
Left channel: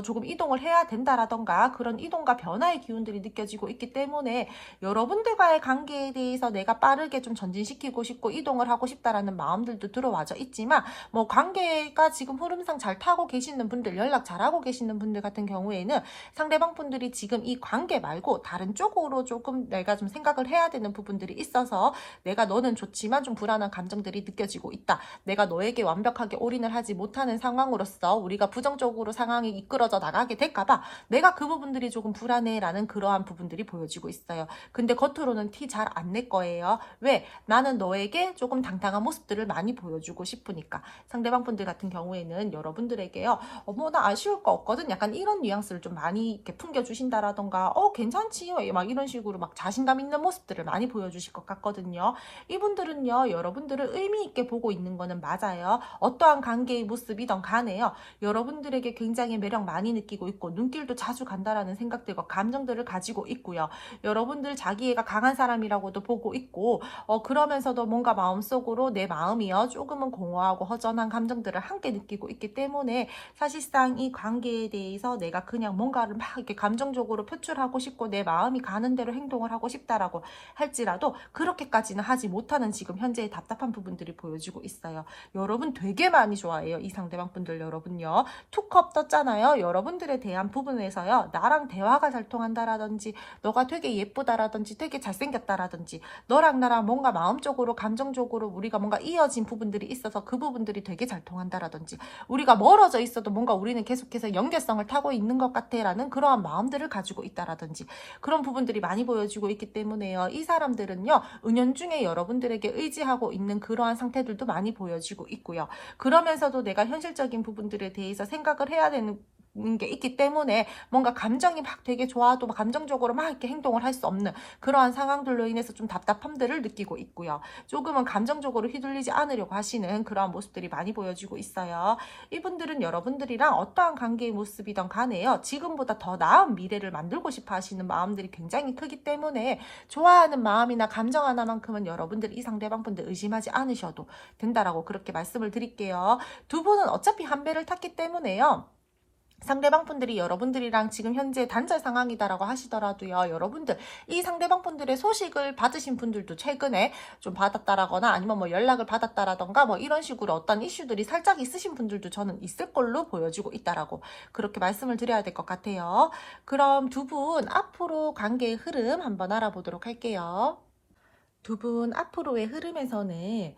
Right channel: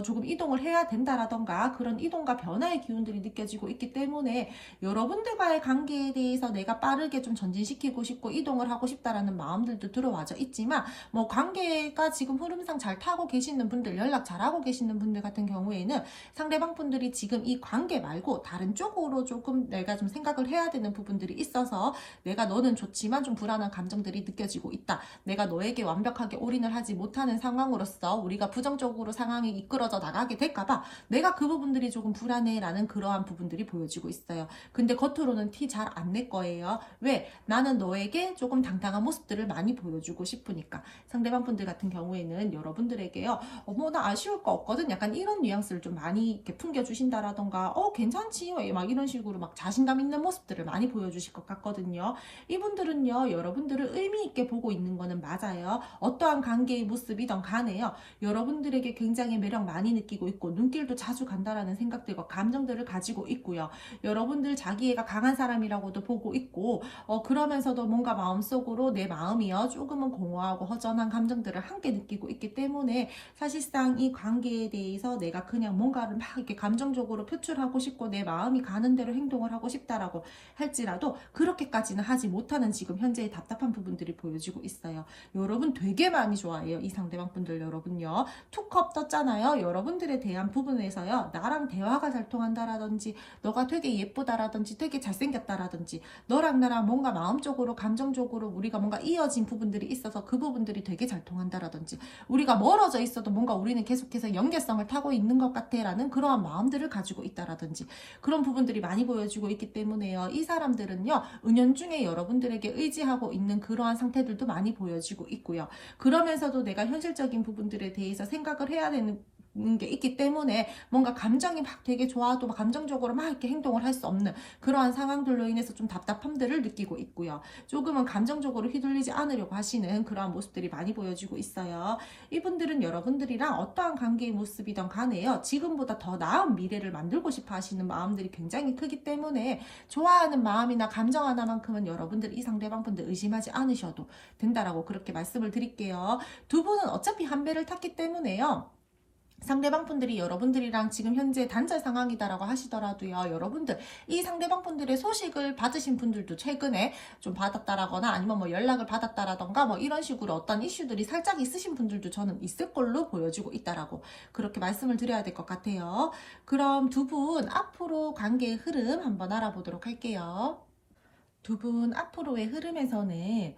조금 이동을 해야 된다라던가 그런 이동과 변화의 기운들이 느껴지고 있기 때문에 여러분들과의 관계에 대해서 내가 빠르게 좀 전진시키고 싶고 이동을 하고 싶다라는 마음들도 들어와져 있지만 뭐 관계가 지금 흐름상 잘 타고 계시는 분들 연락 잘하고 계시는 분들 같은 경우에는 상대방 분들이 지금 이 관계 말고 다른 쪽으로 조금 내가 좀 생각을 해야 되는 부분들이 있어서 내가 너는 좋지만 좀 불안한 감정들이 느껴지고 있다. 내가 너에게 완벽하게 올인을 하지 못하는 상황으로서 우리가 부정적으로 상황이 이끌어져 나가게 될까봐 내가 그 부분들이 조금 불안해라는 그러한 부분들이 보여지고 있어요. 근데 겉으로는 티 잘 안 낼 거예요. 왜? 나는 너에게 조금 당당한 모습들을 많이 보여주고 싶으니까. 상대방 분들 같은 경우에는 여러분들에게요. 나 아쉬울 거 없거든. 약간 이런 뉘앙스를 좀 많이 이렇게 풍겨주신다라던가 괜찮지 막 이런 식으로 막 자신감 있는 모습들을 많이 보여주실 것 같거든요. 이분들은요 여러분들을 의미 있게 보고 있는 거는 맞아요. 어떠한 관계의 모습이든 간에요 여러분들에게 굉장히 매력 많이 느끼고 있고 눈길도 자주 간다라는 생각들과 감정들을 가지고 있고요. 여러분들 자기애가 강한 사람이라고도 보고 있고 그러면서도 뭔가 마음속으로 내 마음이요 조금은 공허하고 허전한 감정들을 함께 느끼고 있기 때문에 사실상 이 관계에 대해서 내가 그냥 뭔가를 막 이렇게 감정적으로 표출하고 싶고 내 마음이 가는 대로 행동을 하고 싶다라고 할지라도 그렇게까지는 하지 못하는 지금 현재의 답답한 부분들이 보여지고 있어요. 여러분 되게 많이 좋아해요. 이 상대방 분들 여러분요. 투컵 떴잖아요. 여러분들에 대한 부분에서요. 나랑 대화가 잘 통한다라든지 너가 되게 예쁘다라든지 되게 잘생겼다라든지 너랑 나랑 뭔가 마음적으로 감정적으로 우리가 뭔가 이어진 부분들이 있어서 그 부분들이 되게 잘 통한다라든지 우리가 멀어져 있어도 뭔가 우리는 계속해서 연결성을 타고 있는 것 같아라는 그러한 마음들을 가지고 있다라든지 그런 부분들이 많이 보여지고 있기 때문에요. 이 사람들은요. 은연중에 여러분들에게 의지하고 있는 그러한 상태들도 많이 보여지고 있고요. 그러면서도 내가 현실적인 부분들에 대해서 생각을 해야 되는 게 있기 때문에 뭔가 감정이 막 되게 좋아도 막 감정적으로 막 이렇게 행동을 할 수 없는 그러한 상황들로 인해서 좀 답답함들을 느끼고 있고요. 조금은 감정적으로 휘둘리지 않으려고 하시는 그러한 모습들이 많이 보여지고 있어요. 이분들은 여러분들이랑 어떠한 관계의 모습이든 간에요. 지금보다 더 나은 미래를 만들고 싶어 하시는 마음들이 굉장히 크기 때문에 좋아하는 마음이나 감정 하나만큼은 여러분들 이 상대방분들 의심하지 않으셔도 된다라고 그렇게 말씀을 드릴게요. 두 분은 어차피 한 배를 탔기 때문에요. 상대방 분들이 여러분들이랑 지금 현재 단절 상황이다라고 하시더라도요. 여러분들 이 상대방 분들의 소식을 받으신 분들도 최근에 좀 받았다라거나 아니면 뭐 연락을 받았다라던가 뭐 이런 식으로 어떤 이슈들이 살짝 있으신 분들도 저는 있을 걸로 보여지고 있다라고 그렇게 말씀을 드려야 될 것 같아요. 그럼 두 분 앞으로 관계의 흐름 한번 알아보도록 할게요. 두 분 앞으로의 흐름에서는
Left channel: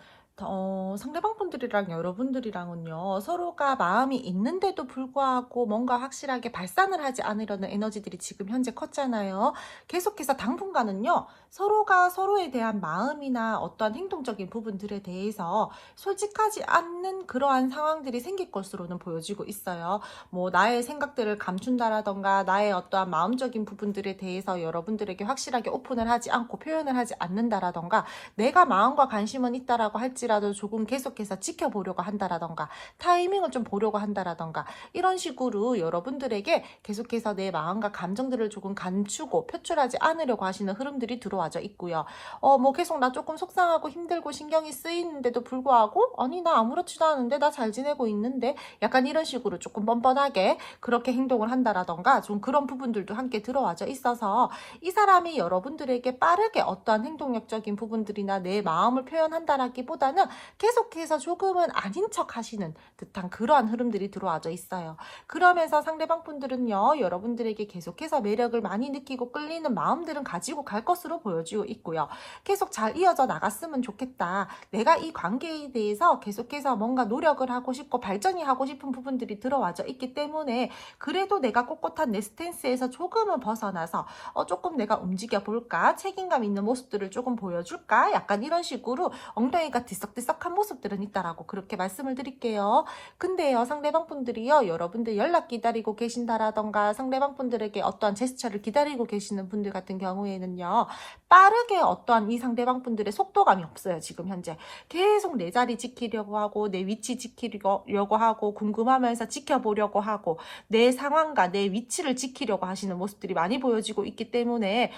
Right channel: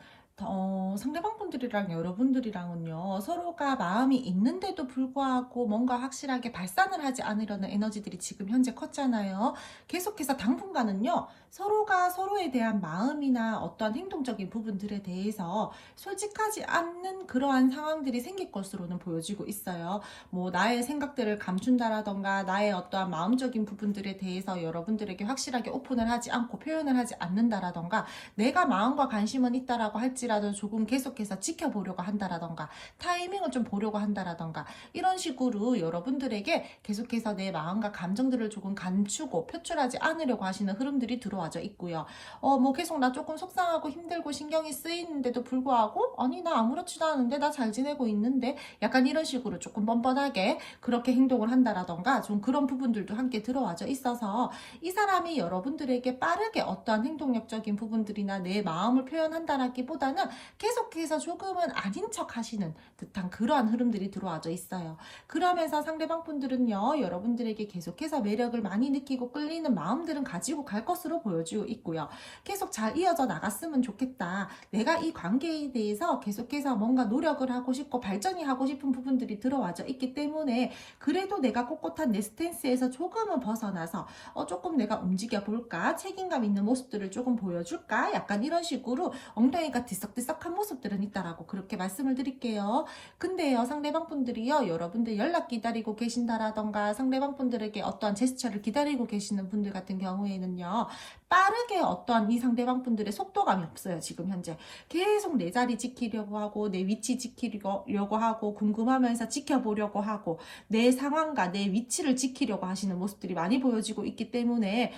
상대방분들이랑 여러분들이랑은요, 서로가 마음이 있는데도 불구하고 뭔가 확실하게 발산을 하지 않으려는 에너지들이 지금 현재 컸잖아요. 계속해서 당분간은요, 서로가 서로에 대한 마음이나 어떤 행동적인 부분들에 대해서 솔직하지 않는 그러한 상황들이 생길 것으로는 보여지고 있어요. 뭐, 나의 생각들을 감춘다라던가, 나의 어떠한 마음적인 부분들에 대해서 여러분들에게 확실하게 오픈을 하지 않고 표현을 하지 않는다라던가, 내가 마음과 관심은 있다라고 할지라도 조금 계속해서 지켜보려고 한다라던가 타이밍을 좀 보려고 한다라던가 이런 식으로 여러분들에게 계속해서 내 마음과 감정들을 조금 감추고 표출하지 않으려고 하시는 흐름들이 들어와져 있고요. 뭐 계속 나 조금 속상하고 힘들고 신경이 쓰이는데도 불구하고 아니 나 아무렇지도 않은데 나 잘 지내고 있는데 약간 이런 식으로 조금 뻔뻔하게 그렇게 행동을 한다라던가 좀 그런 부분들도 함께 들어와져 있어서 이 사람이 여러분들에게 빠르게 어떠한 행동력적인 부분들이나 내 마음을 표현한다라기보다는 계속해서 조금은 아닌 척 하시는 듯한 그러한 흐름들이 들어와져 있어요. 그러면서 상대방 분들은요, 여러분들에게 계속해서 매력을 많이 느끼고 끌리는 마음들은 가지고 갈 것으로 보여지고 있고요. 계속 잘 이어져 나갔으면 좋겠다. 내가 이 관계에 대해서 계속해서 뭔가 노력을 하고 싶고 발전이 하고 싶은 부분들이 들어와져 있기 때문에 그래도 내가 꼿꼿한 내 스탠스에서 조금은 벗어나서 조금 내가 움직여 볼까? 책임감 있는 모습들을 조금 보여줄까? 약간 이런 식으로 엉덩이가 들썩들썩한 모습들은 있다라고 그렇게 말씀을 드릴게요. 근데요, 상대방 분들이요, 여러분들 연락 기다리고 계신다라던가 상대방 분들에게 어떠한 제스처를 기다리고 계시는 분들 같은 경우에는요, 빠르게 어떠한 이 상대방 분들의 속도감이 없어요, 지금 현재. 계속 내 자리 지키려고 하고, 내 위치 지키려고 하고, 궁금하면서 지켜보려고 하고, 내 상황과 내 위치를 지키려고 하시는 모습들이 많이 보여지고 있기 때문에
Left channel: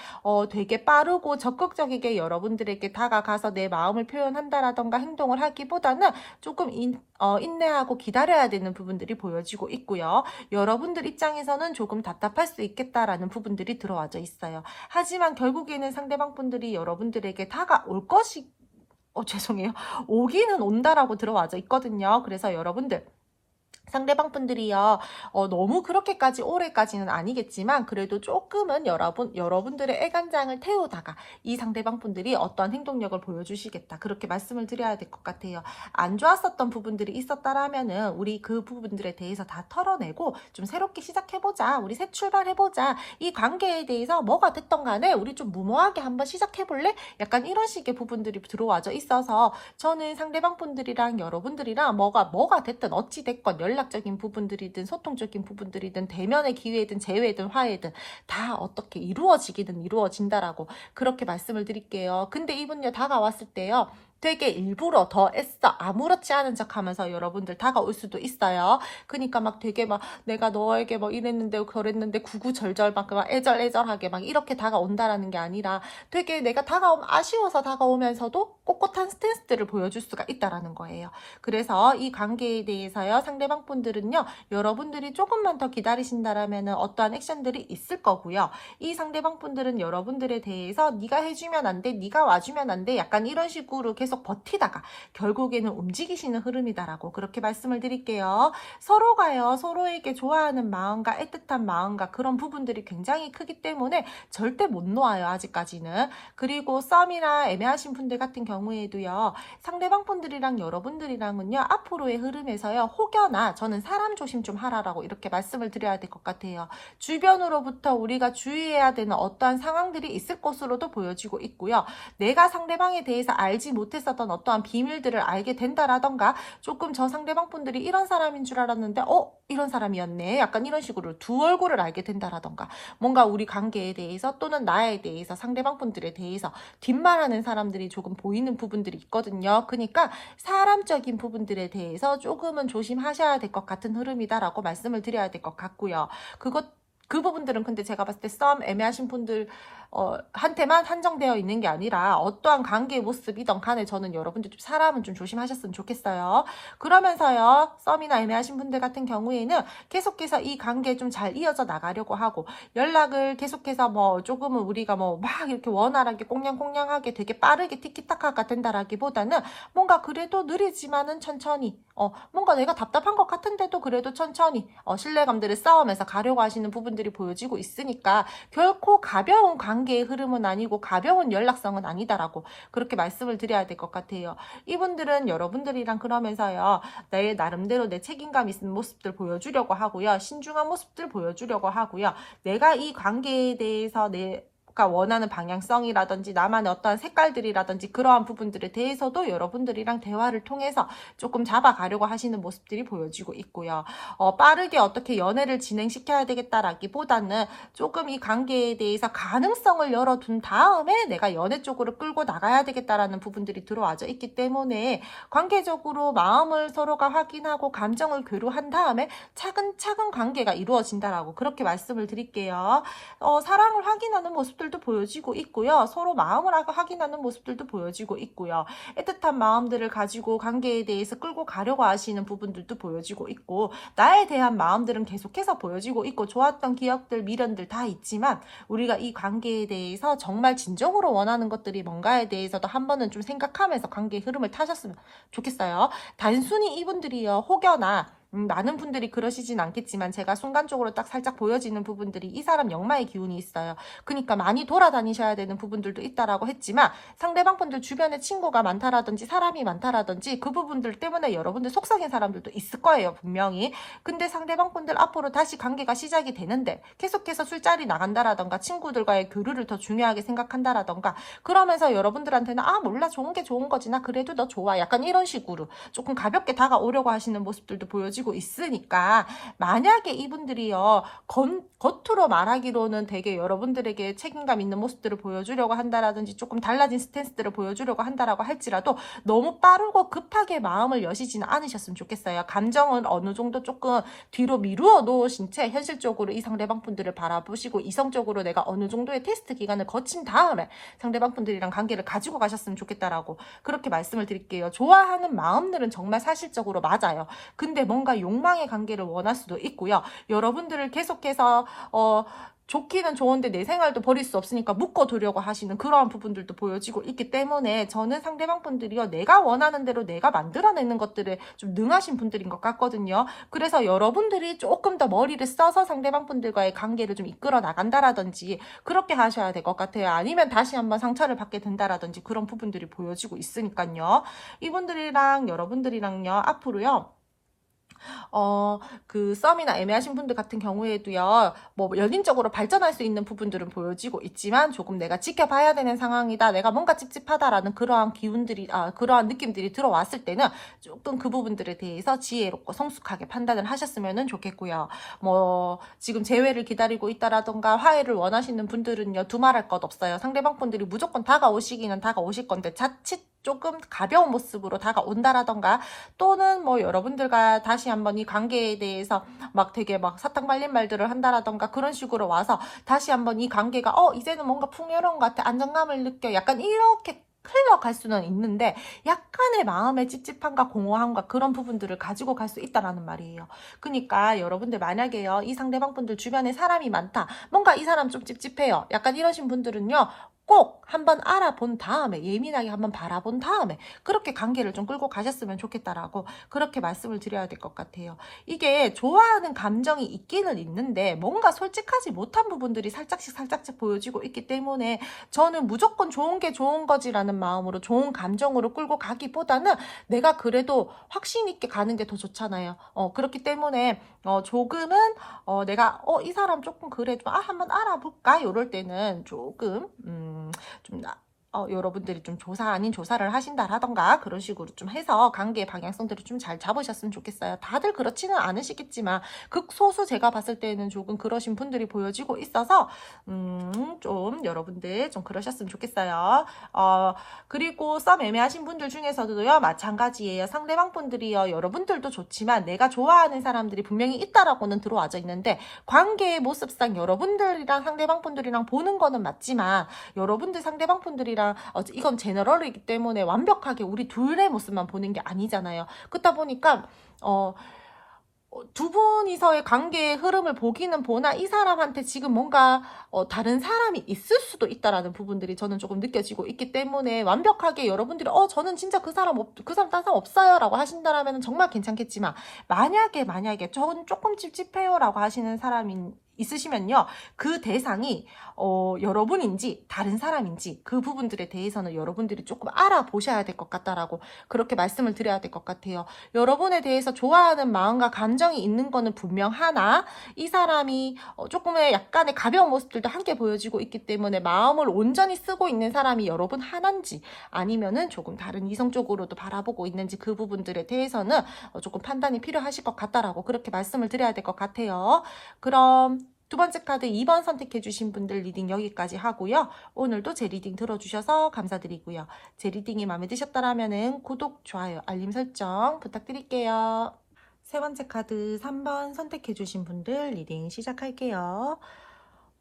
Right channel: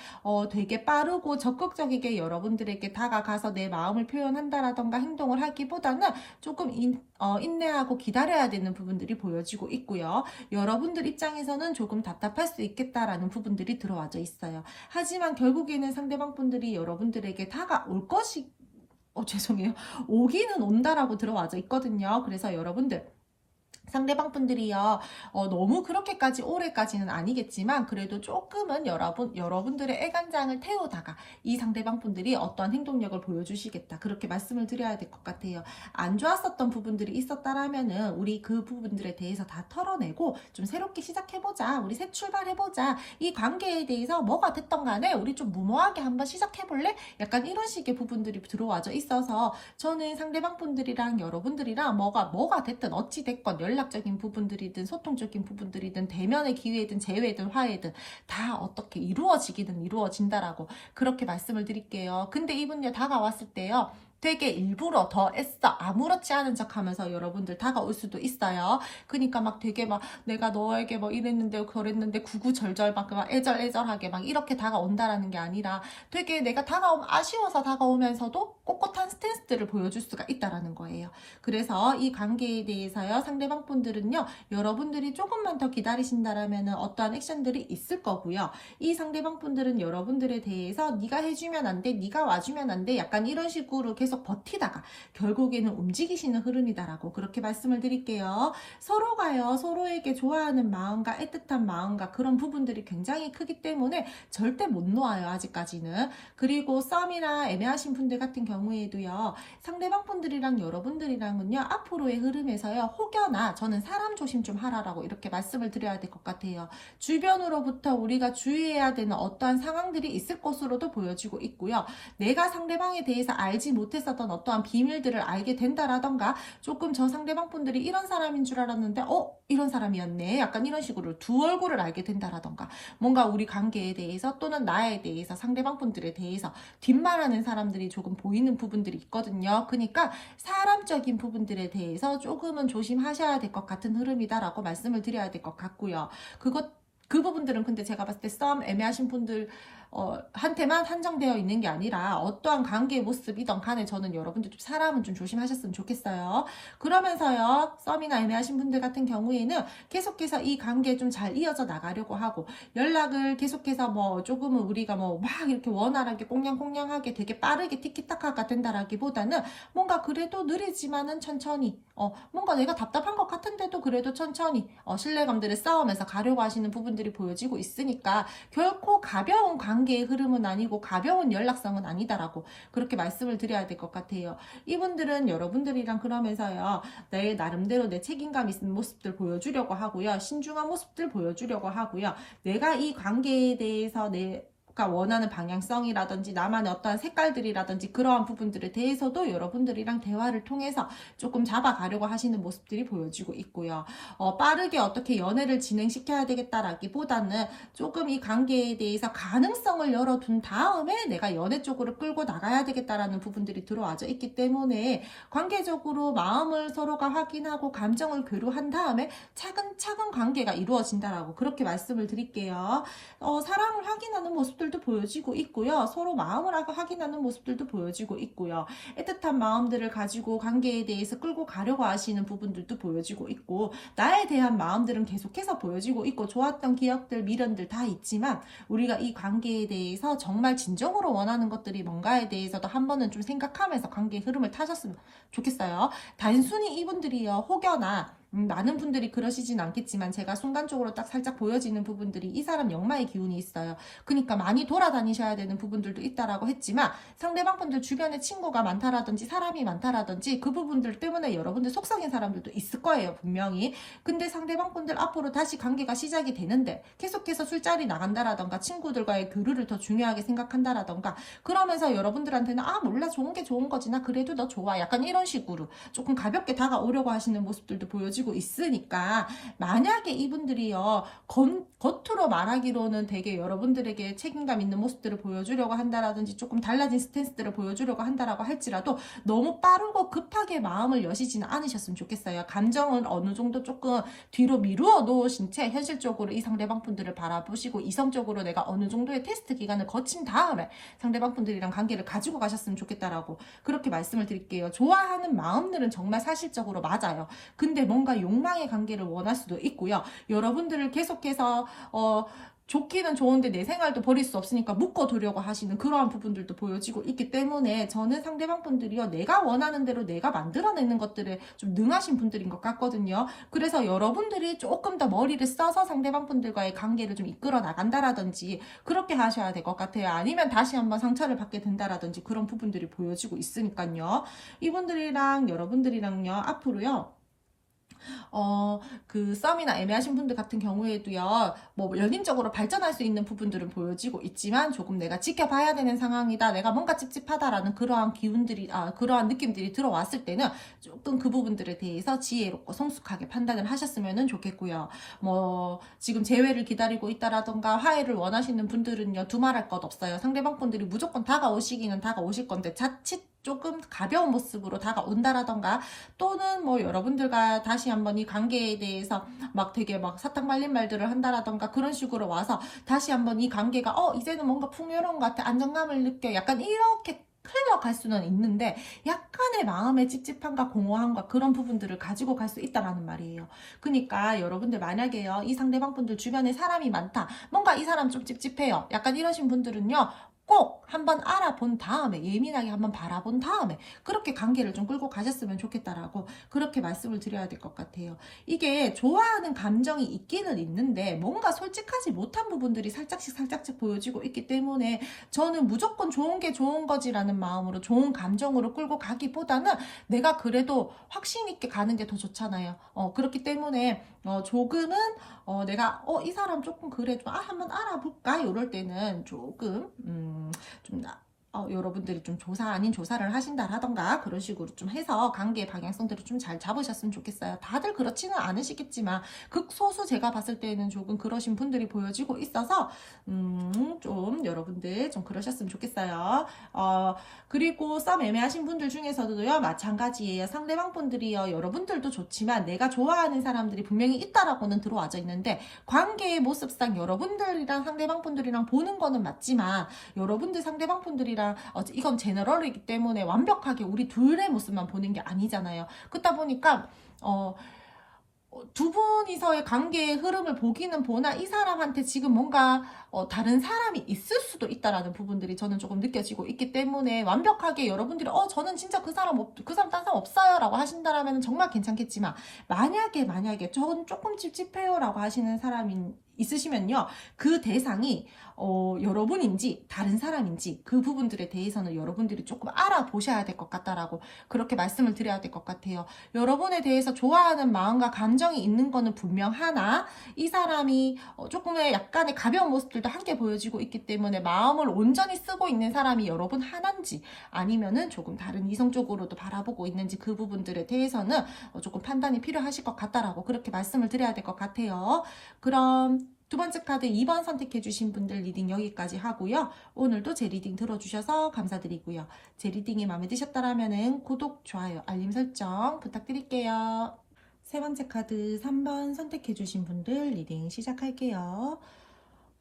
되게 빠르고 적극적이게 여러분들에게 다가가서 내 마음을 표현한다라던가 행동을 하기보다는 조금 인내하고 기다려야 되는 부분들이 보여지고 있고요. 여러분들 입장에서는 조금 답답할 수 있겠다라는 부분들이 들어와져 있어요. 하지만 결국에는 상대방 분들이 여러분들에게 다가올 것이 죄송해요. 오기는 온다라고 들어와져 있거든요. 그래서 여러분들 상대방 분들이요, 너무 그렇게까지 오래까지는 아니겠지만, 그래도 조금은 여러분들의 애간장을 태우다가, 이 상대방 분들이 어떤 행동력을 보여주시겠다. 그렇게 말씀을 드려야 될 것 같아요. 안 좋았었던 부분들이 있었다라면은, 우리 그 부분들에 대해서 다 털어내고, 좀 새롭게 시작해보자. 우리 새 출발해보자. 이 관계에 대해서 뭐가 됐던 간에, 우리 좀 무모하게 한번 시작해볼래? 약간 이런 식의 부분들이 들어와져 있어서, 저는 상대방 분들이랑 여러분들이랑 뭐가 됐든 어찌 됐건 연락적인 부분들이든 소통적인 부분들이든 대면의 기회든 재회든 화해든 다 어떻게 이루어지기든 이루어진다라고 그렇게 말씀을 드릴게요. 근데 이분요 다가왔을 때요, 되게 일부러 더 애써 아무렇지 않은 척 하면서 여러분들 다가올 수도 있어요. 그러니까 막 되게 막 내가 너에게 뭐 이랬는데 저랬는데 구구절절 막 애절애절하게 막 이렇게 다가온다라는 게 아니라 되게 내가 다가오면 아쉬워서 다가오면서도 꼿꼿한 스탠스들을 보여줄 수가 있다라는 거예요. 그래서 이 관계에 대해서요, 상대방 분들은요, 여러분들이 조금만 더 기다리신다라면 어떠한 액션들이 있을 거고요. 이 상대방 분들은 여러분들에 대해서 네가 해주면 안 돼, 네가 와주면 안 돼, 약간 이런 식으로 계속 버티다가 결국에는 움직이시는 흐름이다라고 그렇게 말씀을 드릴게요. 서로가요, 서로에게 좋아하는 마음과 애틋한 마음과 그런 부분들이 굉장히 크기 때문에 절대 못 놓아요, 아직까지는. 그리고 썸이나 애매하신 분들 같은 경우에도요, 상대방 분들이랑 여러분들이랑은요, 앞으로의 흐름에서요, 혹여나 저는 사람 조심 좀 하라라고 이렇게 말씀을 드려야 될 것 같아요. 주변으로부터 우리가 주의해야 되는 어떠한 상황들이 있을 것으로도 보여지고 있고요. 내가 상대방에 대해서 알지 못했 못했었던 어떠한 비밀들을 알게 된다라던가, 조금 저 상대방 분들이 이런 사람인 줄 알았는데 이런 사람이었네, 약간 이런 식으로 두 얼굴을 알게 된다라던가, 뭔가 우리 관계에 대해서 또는 나에 대해서 상대방 분들에 대해서 뒷말하는 사람들이 조금 보이는 부분들이 있거든요. 그러니까 사람적인 부분들에 대해서 조금은 조심하셔야 될 것 같은 흐름이다라고 말씀을 드려야 될 것 같고요. 그 부분들은 근데 제가 봤을 때 썸 애매하신 분들 한테만 한정되어 있는 게 아니라 어떠한 관계의 모습이든 간에 저는 여러분들 좀 사람은 좀 조심하셨으면 좋겠어요. 그러면서요, 썸이나 애매하신 분들 같은 경우에는 계속해서 이 관계 좀 잘 이어져 나가려고 하고, 연락을 계속해서 뭐 조금은 우리가 뭐 막 이렇게 원활하게 꽁냥꽁냥하게 되게 빠르게 티키타카가 된다라기보다는 뭔가 그래도 느리지만은 천천히, 뭔가 내가 답답한 것 같은데도 그래도 천천히 신뢰감들을 쌓으면서 가려고 하시는 부분들이 보여지고 있으니까, 결코 가벼운 관계의 흐름은 아니고 가벼운 연락성은 아니다라고 그렇게 말씀을 드려야 될 것 같아요. 이분들은 여러분들이랑 그러면서요, 내 나름대로 내 책임감 있는 모습들 보여주려고 하고요, 신중한 모습들 보여주려고 하고요, 내가 이 관계에 대해서 내가 원하는 방향성이라든지 나만의 어떠한 색깔들이라든지 그러한 부분들에 대해서도 여러분들이랑 대화를 통해서 조금 잡아가려고 하시는 모습들이 보여지고 있고요. 빠르게 어떻게 연애를 진행시켜야 되겠다라기보다는 조금 이 관계에 대해서 가능성을 열어둔 다음에 내가 연애 쪽으로 끌고 나가야 되겠다라는 부분들이 들어와져 있기 때문에, 관계적으로 마음을 서로가 확인하고 감정을 교류한 다음에 차근차근 관계가 이루어진다라고 그렇게 말씀을 드릴게요. 사랑을 확인하는 모습들도 보여지고 있고요. 서로 마음을 확인하는 모습들도 보여지고 있고요. 애틋한 마음들을 가지고 관계에 대해서 끌고 가려고 하시는 부분들도 보여지고 있고, 나에 대한 마음들은 계속해서 보여지고 있고, 좋았던 기억들, 미련들 다 있지만 우리가 이 관계에 대해서 정말 진정으로 원하는 것들이 뭔가에 대해서도 한 번은 좀 생각하면서 관계의 흐름을 타셨으면 좋겠어요. 단순히 이분들이요, 혹여나 많은 분들이 그러시진 않겠지만 제가 순간적으로 딱 살짝 보여지는 부분들이 이 사람 역마의 기운이 있어요. 그러니까 많이 돌아다니셔야 되는 부분들도 있다라고 했지만, 상대방 분들 주변에 친구가 많다라든지 사람이 많다라든지 그 부분들 때문에 여러분들 속썩인 사람들도 있을 거예요, 분명히. 근데 상대방 분들 앞으로 다시 관계가 시작이 되는데 계속해서 술자리 나간다라던가 친구들과의 교류를 더 중요하게 생각한다라던가, 그러면서 여러분들한테는 몰라, 좋은 게 좋은 거지, 나 그래도 너 좋아, 약간 이런 식으로 조금 가볍게 다가오려고 하시는 모습들도 보여지고 있으니까, 만약에 이분들이요 겉으로 말하기로는 되게 여러분들에게 책임감 있는 모습들을 보여주려고 한다라든지 조금 달라진 스탠스들을 보여주려고 한다라고 할지라도 너무 빠르고 급하게 마음을 여시지는 않으셨으면 좋겠어요. 감정은 어느 정도 조금 뒤로 미루어 놓으신 채 현실적으로 이 상대방 분들을 바라보시고 이성적으로 내가 어느 정도의 테스트 기간을 거친 다음에 상대방 분들이랑 관계를 가지고 가셨으면 좋겠다라고 그렇게 말씀을 드릴게요. 좋아하는 마음들은 정말 사실적으로 맞아요. 근데 뭔가 욕망의 관계를 원할 수도 있고요. 여러분들을 계속해서 좋기는 좋은데 내 생활도 버릴 수 없으니까 묶어두려고 하시는 그러한 부분들도 보여지고 있기 때문에, 저는 상대방 분들이요, 내가 원하는 대로 내가 만들어내는 것들에 좀 능하신 분들인 것 같거든요. 그래서 여러분들이 조금 더 머리를 써서 상대방 분들과의 관계를 좀 이끌어 나간다라든지 그렇게 하셔야 될 것 같아요. 아니면 다시 한번 상처를 받게 된다라든지 그런 부분들이 보여지고 있으니까요. 이분들이랑 여러분들이랑요, 앞으로요, 그 썸이나 애매하신 분들 같은 경우에도요, 뭐 연인적으로 발전할 수 있는 부분들은 보여지고 있지만 조금 내가 지켜봐야 되는 상황이다, 내가 뭔가 찝찝하다라는 그러한 기운들이, 그러한 느낌들이 들어왔을 때는 조금 그 부분들에 대해서 지혜롭고 성숙하게 판단을 하셨으면 좋겠고요. 뭐 지금 재회를 기다리고 있다라던가 화해를 원하시는 분들은요, 두말할 것 없어요. 상대방 분들이 무조건 다가오시기는 다가오실 건데, 자칫 조금 가벼운 모습으로 다가온다라던가, 또는 뭐 여러분들과 다시 한번 이 관계에 대해서 막 되게 막 사탕 말린 말들을 한다라던가 그런 식으로 와서 다시 한번 이 관계가 이제는 뭔가 풍요로운 것 같아, 안정감을 느껴, 약간 이렇게 흘러갈 수는 있는데, 약간의 마음의 찝찝함과 공허함과 그런 부분들을 가지고 갈 수 있다라는 말이에요. 그러니까 여러분들 만약에요, 이 상대방 분들 주변에 사람이 많다, 뭔가 이 사람 좀 찝찝해요, 약간 이러신 분들은요, 꼭 한번 알아본 다음에, 예민하게 한번 바라본 다음에 그렇게 관계를 좀 끌고 가셨으면 좋겠다라고 그렇게 말씀을 드려야 될 것 같아요. 이게 좋아하는 감정이 있기는 있는데 뭔가 솔직하지 못한 부분들이 살짝씩 보여지고 있기 때문에, 저는 무조건 좋은 게 좋은 거지라는 마음으로 좋은 감정으로 끌고 가기보다는 내가 그래도 확신 있게 가는 게 더 좋잖아요. 그렇기 때문에 조금은 내가 이 사람 조금 그래 좀 한번 알아볼까, 이럴 때는 조금 좀 여러분들이 좀 조사 아닌 조사를 하신다라던가 그런 식으로 좀 해서 관계의 방향성들을 좀 잘 잡으셨으면 좋겠어요. 다들 그렇지는 않으시겠지만 극소수 제가 봤을 때는 조금 그러신 분들이 보여지고 있어서 좀 여러분들 좀 그러셨으면 좋겠어요. 그리고 썸 애매하신 분들 중에서도요, 마찬가지예요. 상대방 분들이요, 여러분들도 좋지만 내가 좋아하는 사람들이 분명히 있다라고는 들어와져 있는데, 관계의 모습상 여러분들이랑 상대방 분들이랑 보는 거는 맞지만 여러분들 상대방 분들이랑 이건 제너럴이기 때문에 완벽하게 우리 둘의 모습만 보는 게 아니잖아요. 그렇다 보니까 두 분이서의 관계의 흐름을 보기는 보나 이 사람한테 지금 뭔가 다른 사람이 있을 수도 있다라는 부분들이 저는 조금 느껴지고 있기 때문에 완벽하게 여러분들이 저는 진짜 그 사람 다른 사람 없어요 라고 하신다라면 정말 괜찮겠지만, 만약에 저는 조금 찝찝해요 라고 하시는 사람이 있으시면요, 그 대상이 여러분인지 다른 사람인지 그 부분들에 대해서는 여러분들이 조금 알아보셔야 될 것 같다라고 그렇게 말씀을 드려야 될 것 같아요. 여러분에 대해서 좋아하는 마음과 감정이 있는 거는 분명하나 이 사람이 조금의 약간의 가벼운 모습들도 함께 보여지고 있기 때문에 마음을 온전히 쓰고 있는 사람이 여러분 하나인지 아니면은 조금 다른 이성적으로도 바라보고 있는지 그 부분들에 대해서는 조금 판단이 필요하실 것 같다라고 그렇게 말씀을 드려야 될 것 같아요. 그럼 두 번째 카드 2번 선택해 주신 분들 리딩 여기까지 하고요. 오늘도 제 리딩 들어주셔서 감사드리고요. 제 리딩이 마음에 드셨다면 구독, 좋아요, 알림 설정 부탁드릴게요. 세 번째 카드 3번 선택해 주신 분들 리딩 시작할게요.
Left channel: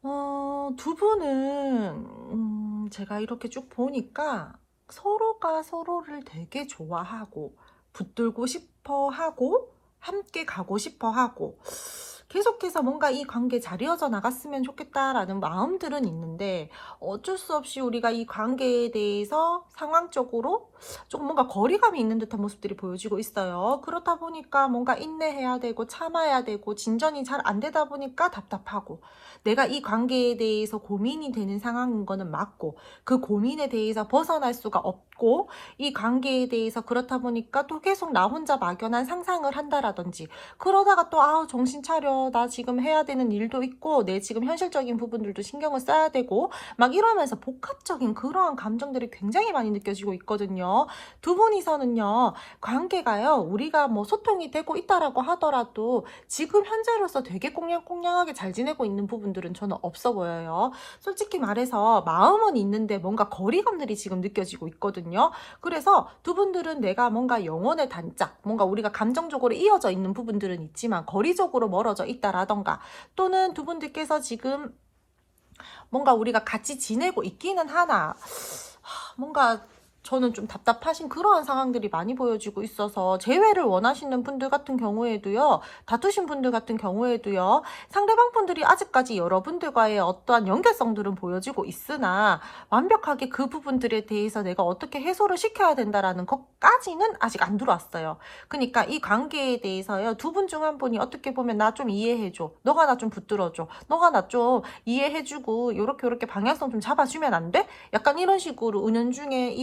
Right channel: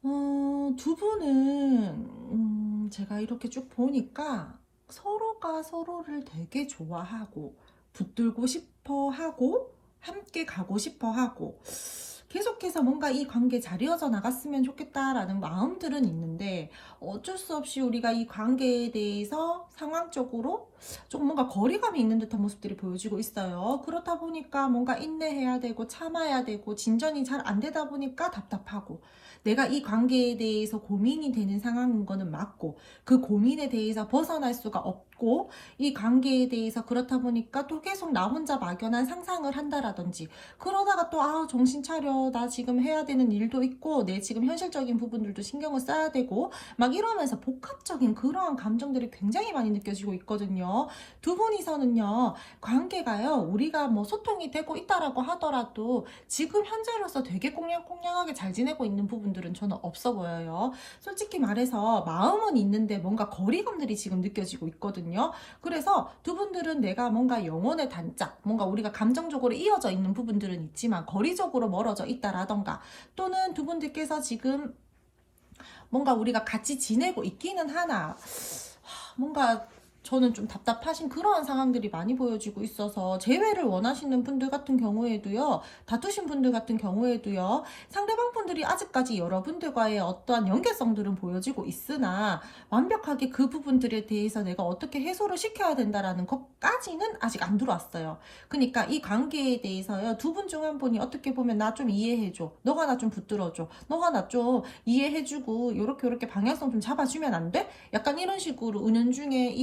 두 분은 제가 이렇게 쭉 보니까 서로가 서로를 되게 좋아하고 붙들고 싶어 하고 함께 가고 싶어 하고 계속해서 뭔가 이 관계 잘 이어져 나갔으면 좋겠다라는 마음들은 있는데, 어쩔 수 없이 우리가 이 관계에 대해서 상황적으로 조금 뭔가 거리감이 있는 듯한 모습들이 보여지고 있어요. 그렇다 보니까 뭔가 인내해야 되고 참아야 되고 진전이 잘 안 되다 보니까 답답하고, 내가 이 관계에 대해서 고민이 되는 상황인 거는 맞고 그 고민에 대해서 벗어날 수가 없고, 이 관계에 대해서 그렇다 보니까 또 계속 나 혼자 막연한 상상을 한다라든지, 그러다가 또 정신 차려, 나 지금 해야 되는 일도 있고 내 지금 현실적인 부분들도 신경을 써야 되고 막 이러면서 복합적인 그러한 감정들이 굉장히 많이 느껴지고 있거든요. 두 분이서는요, 관계가요, 우리가 뭐 소통이 되고 있다라고 하더라도 지금 현재로서 되게 꽁냥꽁냥하게 잘 지내고 있는 부분들은 저는 없어 보여요. 솔직히 말해서 마음은 있는데 뭔가 거리감들이 지금 느껴지고 있거든요. 그래서 두 분들은 내가 뭔가 영혼의 단짝, 뭔가 우리가 감정적으로 이어져 있는 부분들은 있지만 거리적으로 멀어져 있다라던가, 또는 두 분들께서 지금 뭔가 우리가 같이 지내고 있기는 하나 뭔가 저는 좀 답답하신 그러한 상황들이 많이 보여지고 있어서, 재회를 원하시는 분들 같은 경우에도요, 다투신 분들 같은 경우에도요, 상대방 분들이 아직까지 여러분들과의 어떠한 연결성들은 보여지고 있으나 완벽하게 그 부분들에 대해서 내가 어떻게 해소를 시켜야 된다라는 것까지는 아직 안 들어왔어요. 그러니까 이 관계에 대해서요, 두 분 중 한 분이 어떻게 보면 나 좀 이해해줘, 너가 나 좀 붙들어줘, 너가 나 좀 이해해주고 요렇게 방향성 좀 잡아주면 안 돼? 약간 이런 식으로 은연중에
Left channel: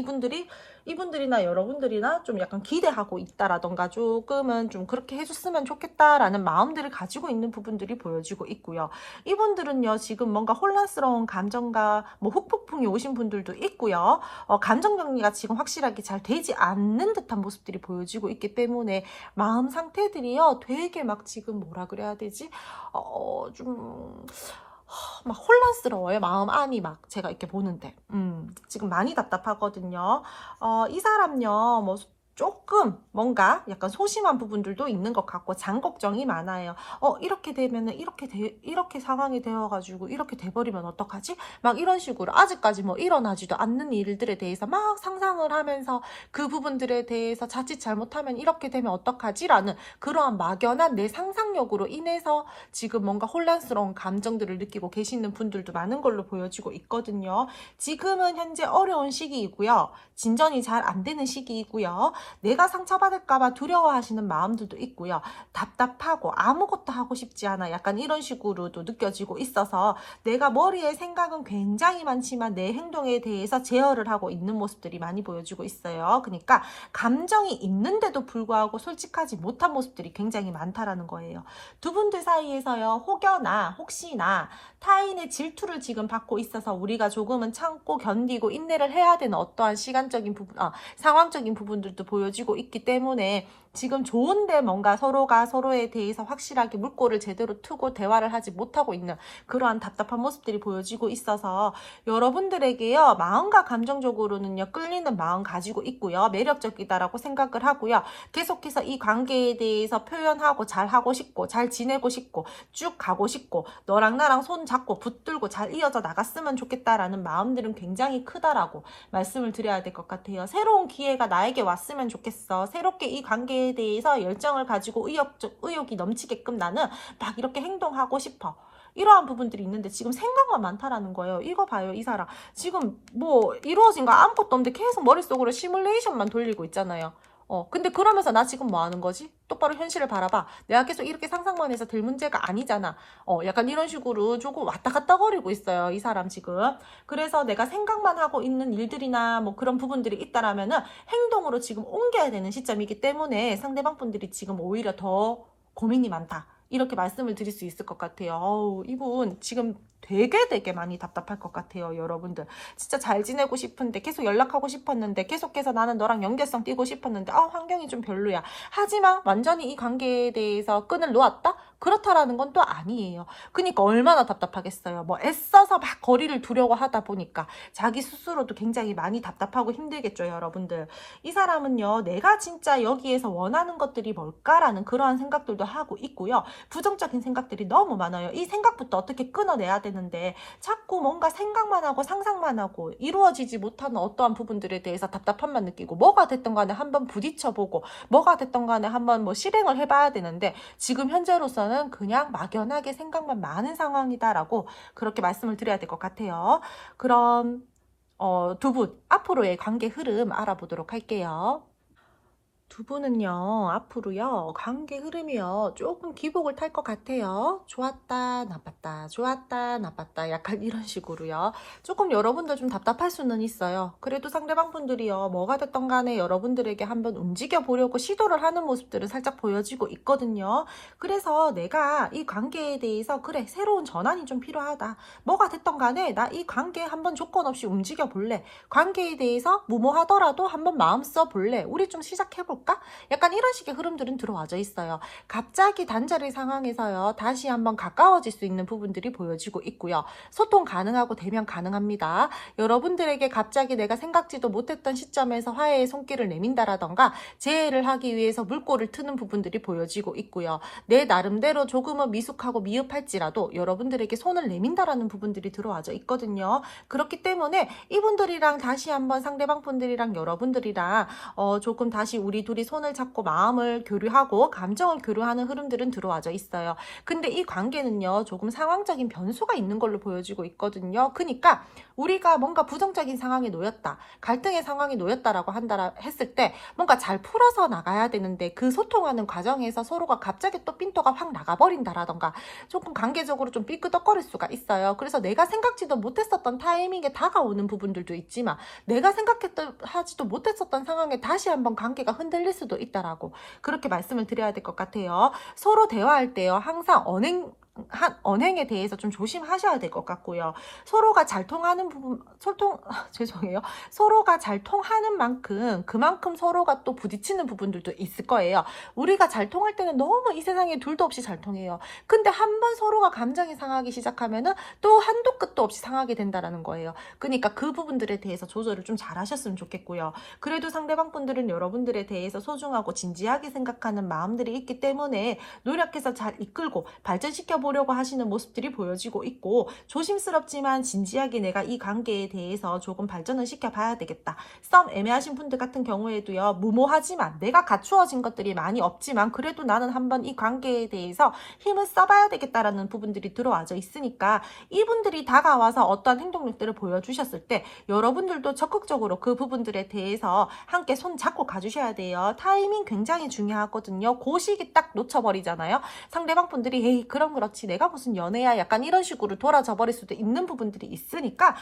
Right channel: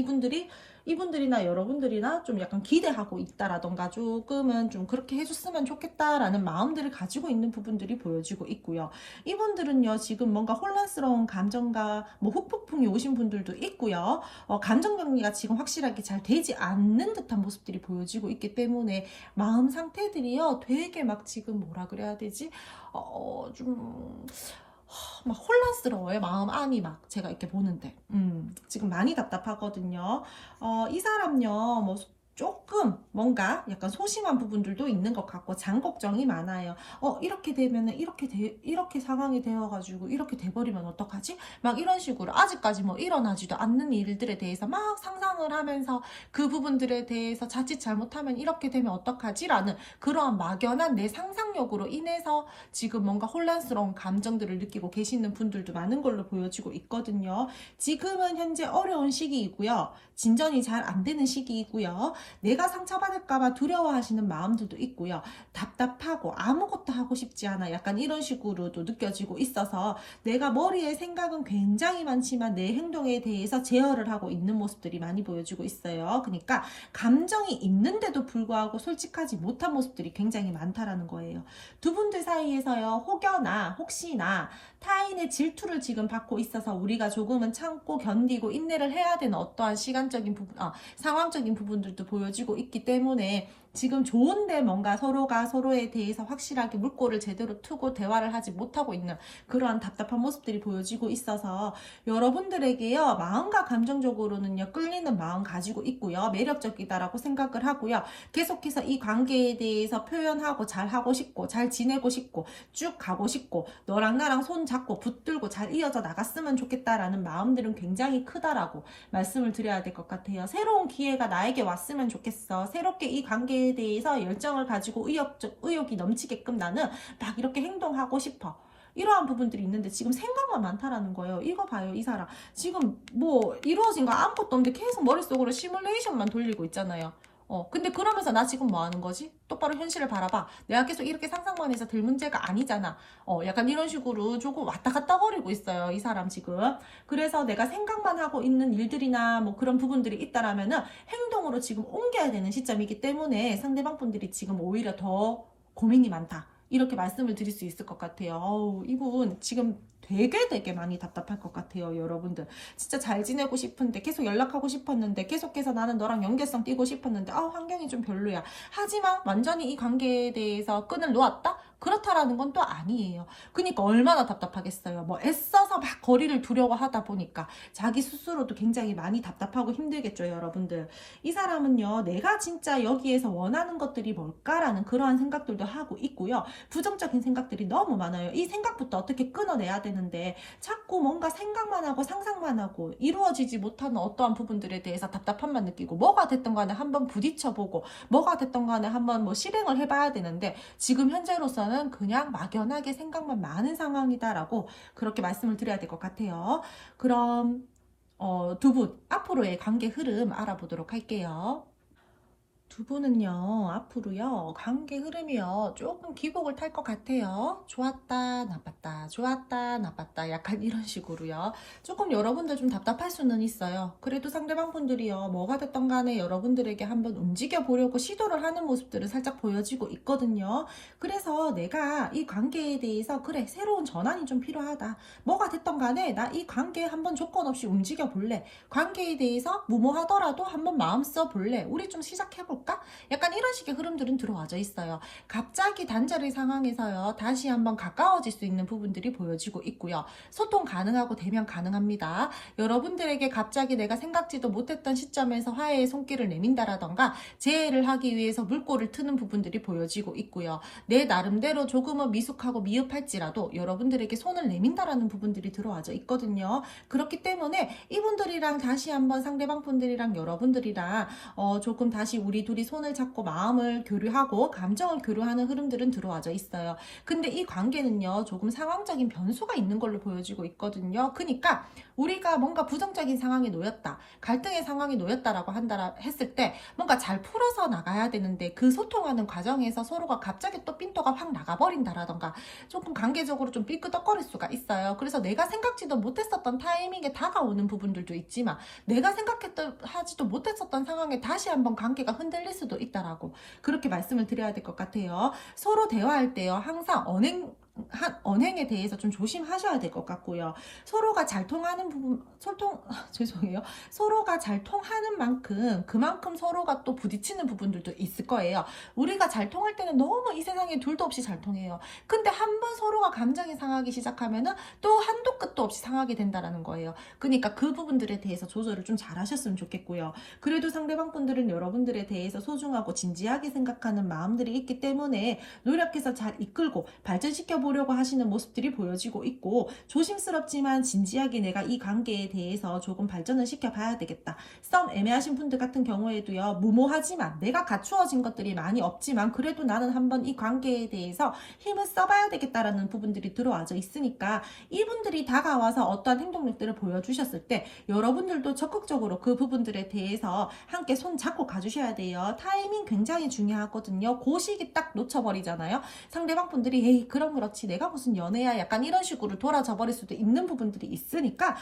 이분들이나 여러분들이나 좀 약간 기대하고 있다라던가 조금은 좀 그렇게 해줬으면 좋겠다라는 마음들을 가지고 있는 부분들이 보여지고 있고요. 이분들은요, 지금 뭔가 혼란스러운 감정과 뭐 후폭풍이 오신 분들도 있고요. 감정 정리가 지금 확실하게 잘 되지 않는 듯한 모습들이 보여지고 있기 때문에 마음 상태들이요, 되게 막 지금 뭐라 그래야 되지? 좀 막 혼란스러워요. 마음 안이 막 제가 이렇게 보는데 지금 많이 답답하거든요. 이 사람요, 뭐 조금 뭔가 약간 소심한 부분들도 있는 것 같고 장 걱정이 많아요. 이렇게 되면은 이렇게 상황이 되어가지고 이렇게 돼버리면 어떡하지? 막 이런 식으로 아직까지 뭐 일어나지도 않는 일들에 대해서 막 상상을 하면서 그 부분들에 대해서 자칫 잘못하면 이렇게 되면 어떡하지? 라는 그러한 막연한 내 상상력으로 인해서 지금 뭔가 혼란스러운 감정들을 느끼고 계시는 분들도 많은 걸로 보여지고 있거든요. 지금은 현재 어려운 시기이고요. 진전이 잘 안 되는 시기이고요. 내가 상처받을까봐 두려워하시는 마음들도 있고요. 답답하고 아무것도 하고 싶지 않아, 약간 이런 식으로도 느껴지고 있어서 내가 머리에 생각은 굉장히 많지만 내 행동에 대해서 제어를 하고 있는 모습들이 많이 보여지고 있어요. 그러니까 감정이 있는데도 불구하고 솔직하지 못한 모습들이 굉장히 많다라는 거예요. 두 분들 사이에서요, 혹여나 혹시나 타인의 질투를 지금 받고 있어서 우리가 조금은 참고 견디고 인내를 해야 되는 어떠한 시간적인 부분, 상황적인 부분들도 보여지고 있기 때문에 지금 좋은데 뭔가 서로가 서로에 대해서 확실하게 물꼬를 제대로 트고 대화를 하지 못하고 있는 그러한 답답한 모습들이 보여지고 있어서 여러분들에게요, 마음과 감정적으로는요, 끌리는 마음 가지고 있고요, 매력적이다라고 생각을 하고요, 계속해서 이 관계에 대해서 표현하고 잘 하고 싶고 잘 지내고 싶고 쭉 가고 싶고 너랑 나랑 손 잡고 붙들고 잘 이어져 나갔으면 좋겠다라는 마음들은 굉장히 크다라고 말씀을 드려야 될 것 같아요. 새로운 기회가 나에게 왔으면 좋겠어. 새롭게 이 관계에 대해서 열정을 가지고 의욕이 넘치게끔 나는 막 이렇게 행동하고 싶어. 이러한 부분들이 있는데 지금 생각만 많다라는 거예요. 이거 봐요, 이 사람. 지금 뭐 이루어진 거 아무것도 없는데 계속 머릿속으로 시뮬레이션만 돌리고 있잖아요. 근데 그러면서 나 지금 뭐 하는 거지? 똑바로 현실을 바라봐. 내가 계속 이렇게 상상만 해서 될 문제가 아니잖아. 약간 이런 식으로 조금 왔다 갔다 거리고 있어요, 이 사람 지금. 그래서 내가 생각만 하고 있는 일들이나 뭐 그런 부분들이 있다라면은 행동으로 지금 옮겨야 되는 시점이기 때문에 상대방 분들이 지금 오히려 더 고민이 많다. 이렇게 말씀을 드릴 수 있을 것 같아요. 이분 지금 되게 많이 답답할 것 같아요, 여러분들. 진짜 잘 지내고 싶은데, 계속 연락하고 싶었는데, 계속해서 나는 너랑 연계성 띄고 싶었는데, 환경이 좀 별로야. 하지만 완전히 이 관계에 대해서 끈을 놓았다? 그렇다라는 건 또 아니에요. 그러니까 얼마나 답답하겠어요. 뭐 애써서 막 거리를 두려고 하다 보니까 자기 스스로도 굉장히 많이 답답하고 힘들겠죠, 여러분들. 이 사람은요, 내가 진짜 여기에서 원하는 것들이 뭘까라는 그러한 생각들도 하고 있고요. 부정적인 생각들이 너무 많아요. 이 생각부터 어떻게 끊어내야 되는데 자꾸 뭔가 생각만 하고 상상만 하고 이루어지지 못하는 어떠한 부분들에 대해서 답답함만 느끼고, 뭐가 됐던 간에 한번 부딪혀보고 뭐가 됐던 간에 한번 뭐 실행을 해봐야 되는데 지금 현재로서는 그냥 막연하게 생각만 많은 상황이다라고 그렇게 말씀을 드려야 될 것 같아요. 그럼 두 분 앞으로의 관계 흐름 알아보도록 할게요. 두 분은요, 앞으로요, 관계 흐름이요, 조금 기복을 탈 것 같아요. 좋았다, 나빴다, 좋았다, 나빴다. 약간 이런 식으로요. 조금 여러분들 좀 답답할 수는 있어요. 그래도 상대방 분들이요, 뭐가 됐던 간에 여러분들에게 한번 움직여 보려고 시도를 하는 모습들은 살짝 보여지고 있거든요. 그래서 내가 이 관계에 대해서, 그래, 새로운 전환이 좀 필요하다. 뭐가 됐던 간에 나 이 관계에 한번 조건 없이 움직여 볼래. 관계에 대해서 무모하더라도 한번 마음 써 볼래. 우리 좀 시작해볼까? 약간 이런 식의 흐름들은 들어와져 있어요. 갑자기 단절의 상황에서요, 다시 한번 가까워질 수 있는 부분들이 보여지고 있고요. 소통 가능하고 대면 가능합니다. 여러분들에게 갑자기 내가 생각지도 못했던 시점에서 화해의 손길을 내민다라던가 재해를 하기 위해서 물꼬를 트는 부분들이 보여지고 있고요. 내 나름대로 조금은 미숙하고 미흡할지라도 여러분들에게 손을 내민다라는 부분들이 들어와져 있거든요. 그렇기 때문에 이분들이랑 다시 한번 상대방 분들이랑 여러분들이랑 조금 다시 우리 둘이 손을 잡고 마음을 교류하고 감정을 교류하는 흐름들은 들어와져 있어요. 근데 이 관계는요, 조금 상황적인 변수가 있는 걸로 보여지고 있거든요. 그러니까 우리가 뭔가 부정적인 상황에 놓였다, 갈등의 상황에 놓였다라고 한다 했을 때 뭔가 잘 풀어서 나가야 되는데 그 소통하는 과정에서 서로가 갑자기 또 핀도가 확 나가버린다라던가 조금 관계적으로 좀 삐끄덕거릴 수가 있어요. 그래서 내가 생각지도 못했었던 타이밍에 다가오는 부분들도 있지만 내가 하지도 못했었던 상황에 다시 한번 관계가 흔들릴 수도 있다라고 그렇게 말씀을 드려야 될 것 같아요. 서로 대화할 때요, 항상 언행에 대해서 좀 조심하셔야 될 것 같고요. 서로가 잘 통하는 부분, 죄송해요. 서로가 잘 통하는 만큼 그만큼 서로가 또 부딪히는 부분들도 있을 거예요. 우리가 잘 통할 때는 너무 이 세상에 둘도 없이 잘 통해요. 근데 한번 서로가 감정이 상하기 시작하면은 또 한도 끝도 없이 상하게 된다라는 거예요. 그러니까 그 부분들에 대해서 조절을 좀 잘 하셨으면 좋겠고요. 그래도 상대방 분들은 여러분들에 대해서 소중하고 진지하게 생각하는 마음들이 있기 때문에 노력해서 잘 이끌고 발전시켜 보려고 하시는 모습들이 보여지고 있고, 조심스럽지만 진지하게 내가 이 관계에 대해서 조금 발전을 시켜봐야 되겠다. 썸 애매하신 분들 같은 경우에도요, 무모하지만 내가 갖추어진 것들이 많이 없지만 그래도 나는 한번 이 관계에 대해서 힘을 써봐야 되겠다라는 부분들이 들어와져 있으니까 이분들이 다가와서 어떠한 행동력들을 보여주셨을 때 여러분들도 적극적으로 그 부분들에 대해서 함께 손 잡고 가주셔야 돼요. 타이밍 굉장히 중요하거든요. 그 시기 딱 놓쳐버리잖아요. 상대방 분들이 에이 그럼 그렇지 내가 무슨 연애야 약간 이런 식으로 돌아져 버릴 수도 있는 부분들이 있으니까